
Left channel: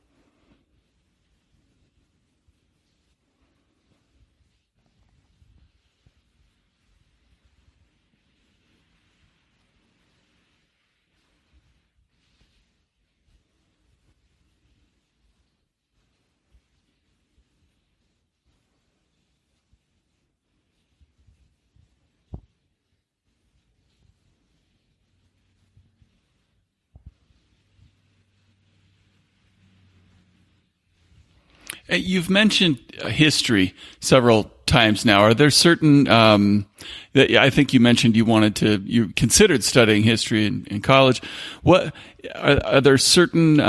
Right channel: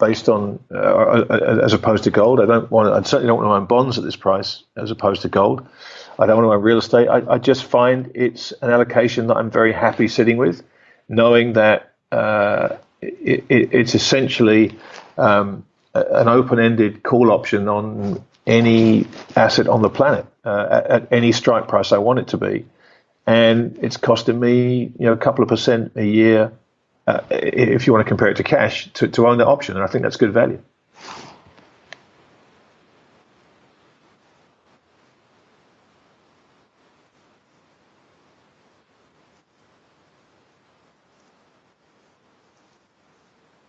based on as opposed to gold. I certainly don't want to own bonds at this price as opposed to gold. I don't want to own real estate. I just find it's an allocation that I'm very happy sitting with, knowing that it's essentially an open-ended call option on any asset on the planet at any strike price I want it to be, and it's costing me a couple of percent a year if you want to compare it to cash to own that option, and I think that's good value. You've mentioned history several times now. Are there certain that I think you mentioned you considered studying history in college? What are there certain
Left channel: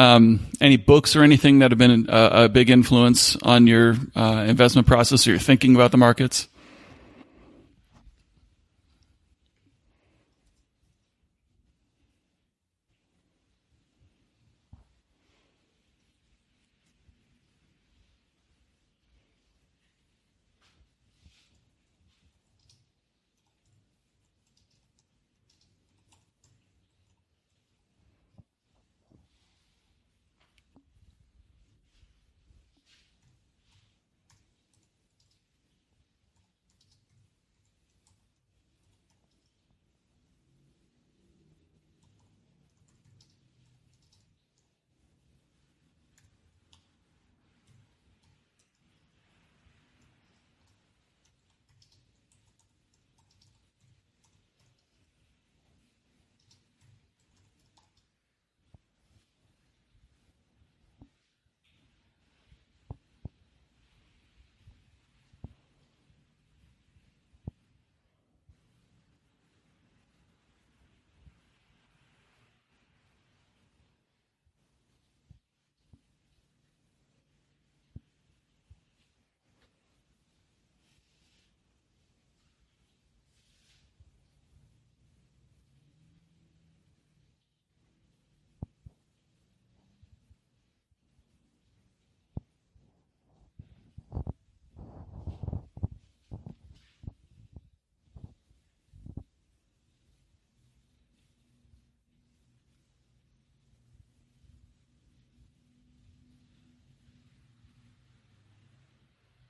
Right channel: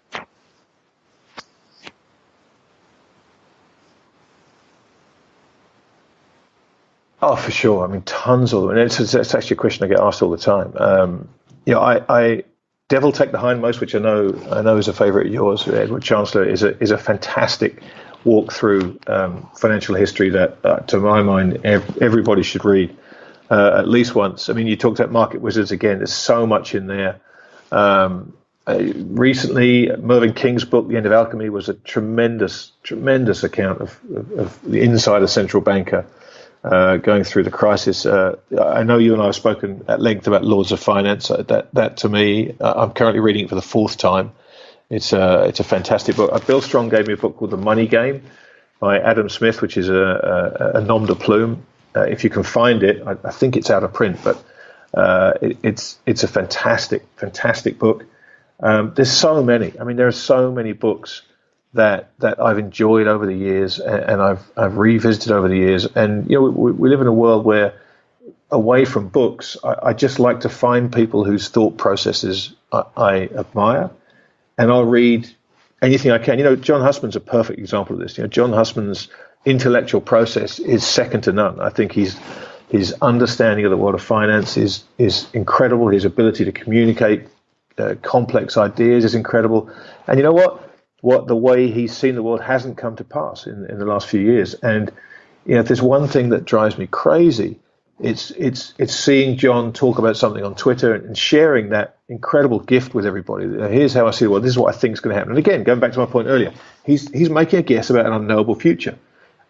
any books or anything that have been a big influence on your investment process or your thinking about the markets? Oh, for sure. I mean, tons of them. And it's actually a question I get asked all the time. I Devil Take the Hindmost, which I know is a favorite of yours, Edward Chancellor, is a fantastic walk through financial history that, to my mind, everybody should read at least once. I mean, you talked about Market Wizards again. There's so much in there. Recently, Mervyn King's book, The End of Alchemy, was a tremendous account of the inside a central banker going through the crisis. I know you and I have spoken at length about Lords of Finance. That to me, I'm currently reading it for the fourth time. It's a fantastic book. Bill Strong gave me a book called The Money Game by Adam Smith, which is a nom de plume. If you can find it, I think it's out of print, but it's a fantastic book. There's so many. I mean, there are so many books that I've enjoyed over the years, and I've revisited over the years. And we live in a world where, away from books, I just like to find people whose thought processes I admire, and I'll read anything I can. John Hussman's a perfect example of this. John Hussman's intellectual process is second to none. I think his understanding of the world of finance is incredible. His ability to communicate complex ideas is incredible. And you know what the way he's seen the world hasn't come to pass in the last few years. And if there's one thing that drives me crazy, it's seeing John talk about something on Twitter and sharing that incredible gift with everybody. Here's how I see the world. This is what I think is going to happen. And again, going back to my point earlier, he's making a guess about an unknowable future.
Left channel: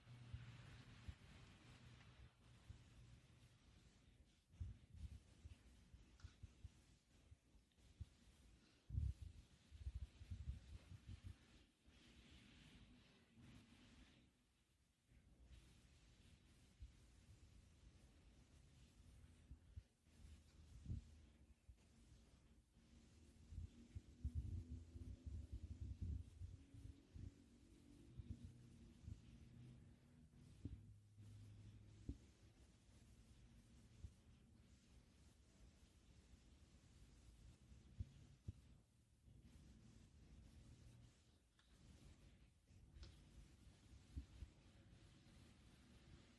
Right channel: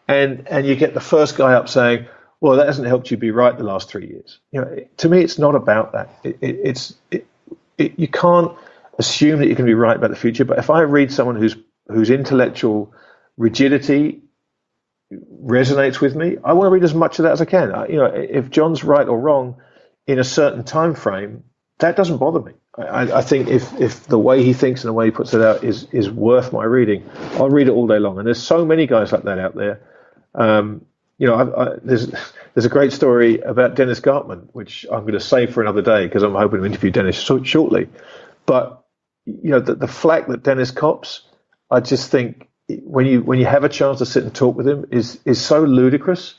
And you get the first guy up saying, well, that hasn't helped you be right the last 3 years. To me, it's not about that. You can't assume that you can be right about the future. But if I read someone whose intellectual rigidity resonates with me, I want to read as much of that as I can. If John's right or wrong in a certain time frame, that doesn't bother me. I think if the way he thinks and the way he puts it out is worth my reading, I'll read it all day long. And there's so many guys like that out there. There's a great story about Dennis Gartman, which I'm going to save for another day because I'm hoping to interview Dennis shortly. But the flack that Dennis cops, I just think when you have a chance to sit and talk with him is so ludicrous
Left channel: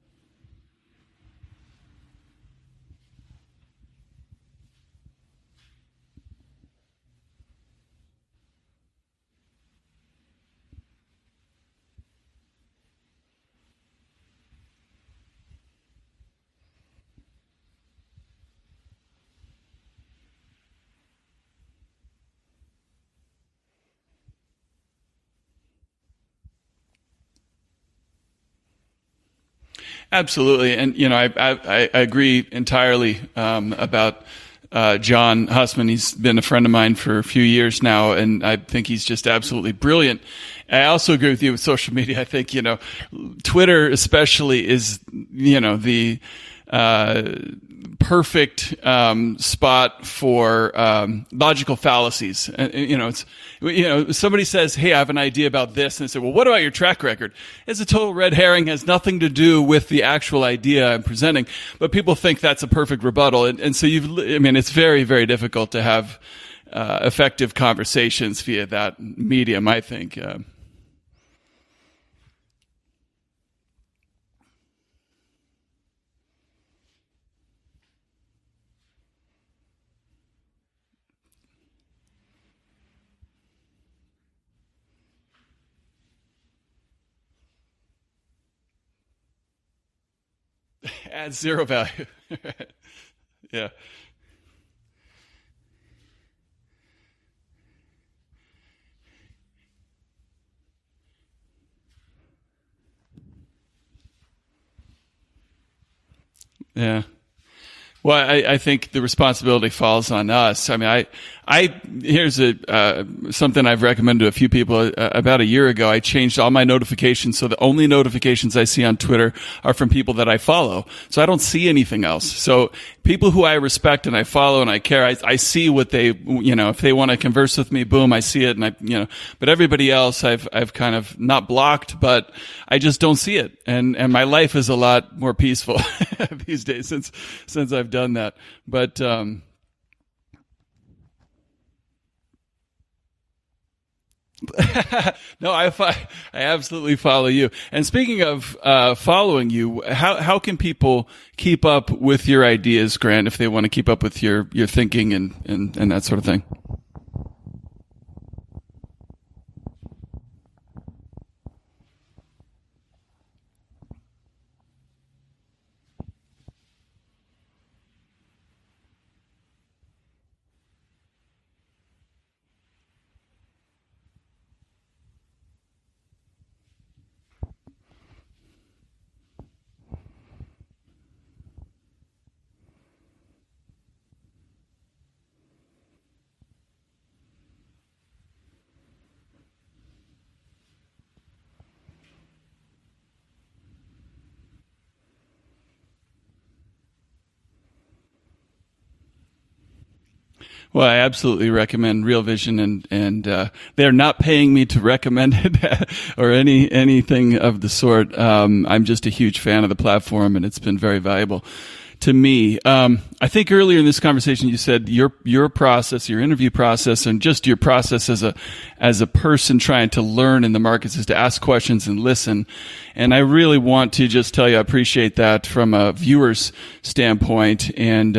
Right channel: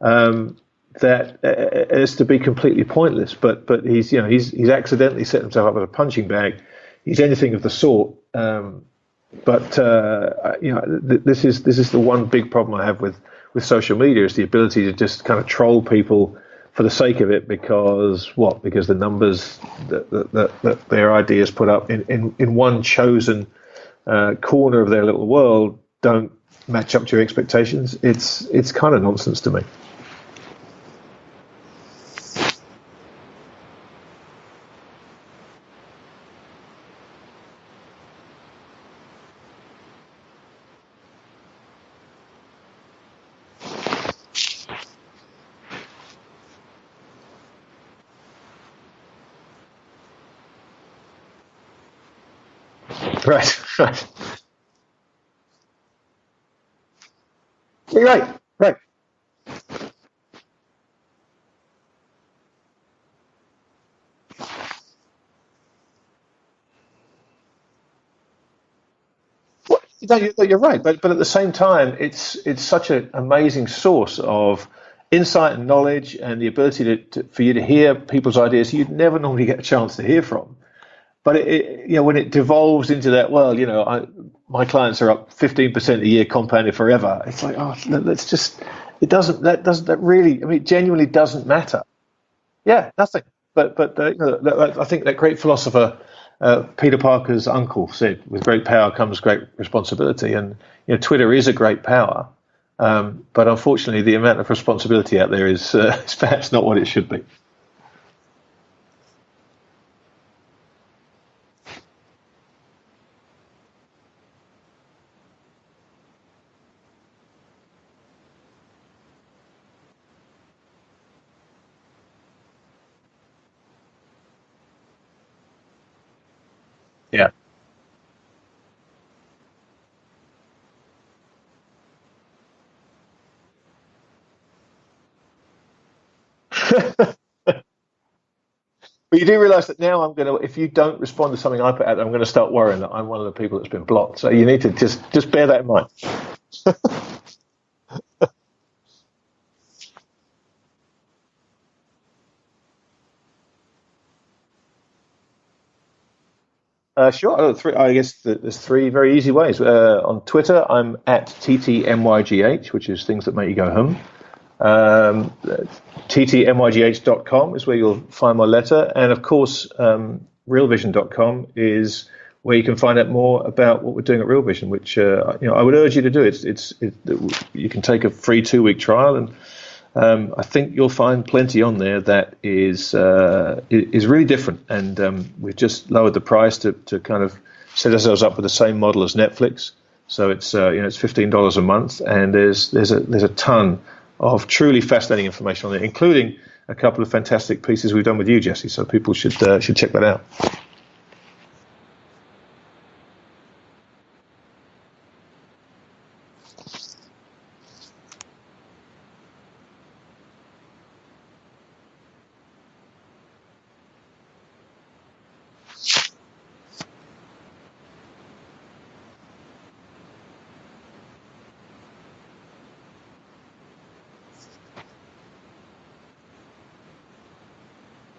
that it's to be completely pointless. But he's accidentally set himself up as a punching bag. He's anything of the sort. But this is the one big problem I have with social media, is the ability to just kind of troll people for the sake of it because the numbers that their ideas put up in one chosen corner of their little world don't match up to your expectations. It's kind of nonsense to me. Absolutely, and I agree entirely about John Hussman. He's been a friend of mine for a few years now, and I think he's just absolutely brilliant. I also agree with you with social media. I think, Twitter especially is, the perfect spot for logical fallacies. Right. Somebody says, hey, I have an idea about this. And they say, well, what about your track record? It's a total red herring. It has nothing to do with the actual idea I'm presenting. But people think that's a perfect rebuttal. And so it's very, very difficult to have effective conversations via that medium, I think. No, you're right. But at the same time, it's such an amazing source of insight and knowledge and the ability for you to hear people's ideas you'd never normally get a chance to hear from. But when it devolves into that, my clients are up 15% a year compounded forever. It's like, that really genuinely doesn't matter. Yeah, nothing. Yeah. But I think that great philosopher Peter Parker's uncle said, with great power comes great responsibility. And Twitter is a great power. But unfortunately, the amount of responsibility out there is perhaps not what it should be. Well, I think the responsibility falls on us. I mean, here's something I've recommended to a few people. About a year ago, I changed all my notifications so the only notifications I see on Twitter are from people that I follow. So I don't see anything else. So people who I respect and I follow and I care, I see what they, if they want to converse with me, boom, I see it. And but everybody else I've kind of not blocked, but I just don't see it. And my life is a lot more peaceful these days since I've done that. But you do realize that now if you don't respond to something I put out, I'm going to start worrying that I'm one of the people that's been blocked. So you need to just bear that in mind. I absolutely follow you. And speaking of following you, how can people keep up with your ideas, Grant, if they want to keep up with your thinking and that sort of thing? Sure. I guess there's three very easy ways. On Twitter, I'm at TTMYGH, which is things that make you go hum. ttmygh.com is where you'll find my letter, and of course realvision.com is where you can find out more about what we're doing at RealVision, which I would urge you to do. You can take a free 2-week trial, and I think you'll find plenty on there that is really different, and we've just lowered the price to kind of set ourselves up with the same model as Netflix. So it's it's $15 a month, and there's a ton of truly fascinating information on it, including a couple of fantastic pieces we've done with you, Jesse. So people should check that out. Well, I absolutely recommend RealVision, and they're not paying me to recommend it or anything of the sort. I'm just a huge fan of the platform, and it's been very valuable to me. I think earlier in this conversation you said your process, your interview process, and just your process as a person trying to learn in the markets is to ask questions and listen. And I really want to just tell you I appreciate that from a viewer's standpoint. And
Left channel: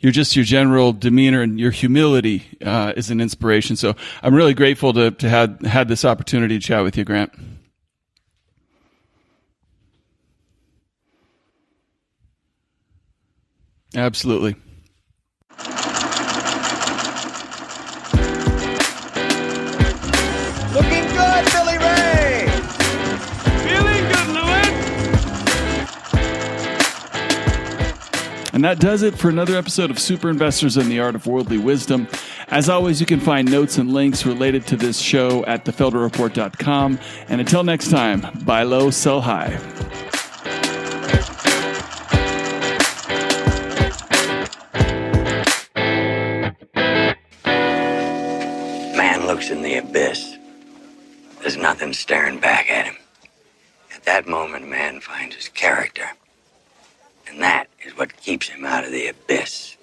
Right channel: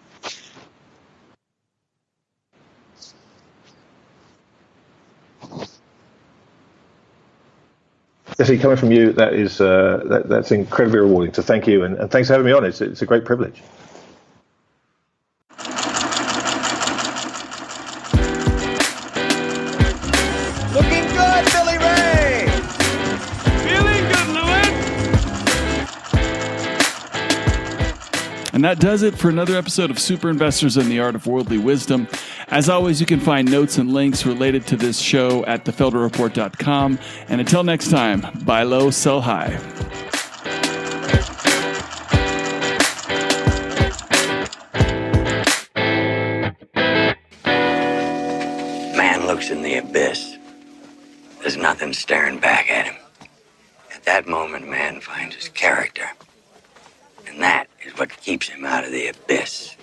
your general demeanor and your humility is an inspiration. So I'm really grateful to have had this opportunity to chat with you, Grant. Jesse, coming from you, that's incredibly rewarding. So thank you, and thanks for having me on. It's a great privilege. Absolutely. Looking good, Billy Ray! Feeling good, Louis! And that does it for another episode of Super Investors and the Art of Worldly Wisdom. As always, you can find notes and links related to this show at thefelderreport.com. And until next time, buy low, sell high. Man looks in the abyss. There's nothing staring back at him. At that moment, man finds his character. And that is what keeps him out of the abyss.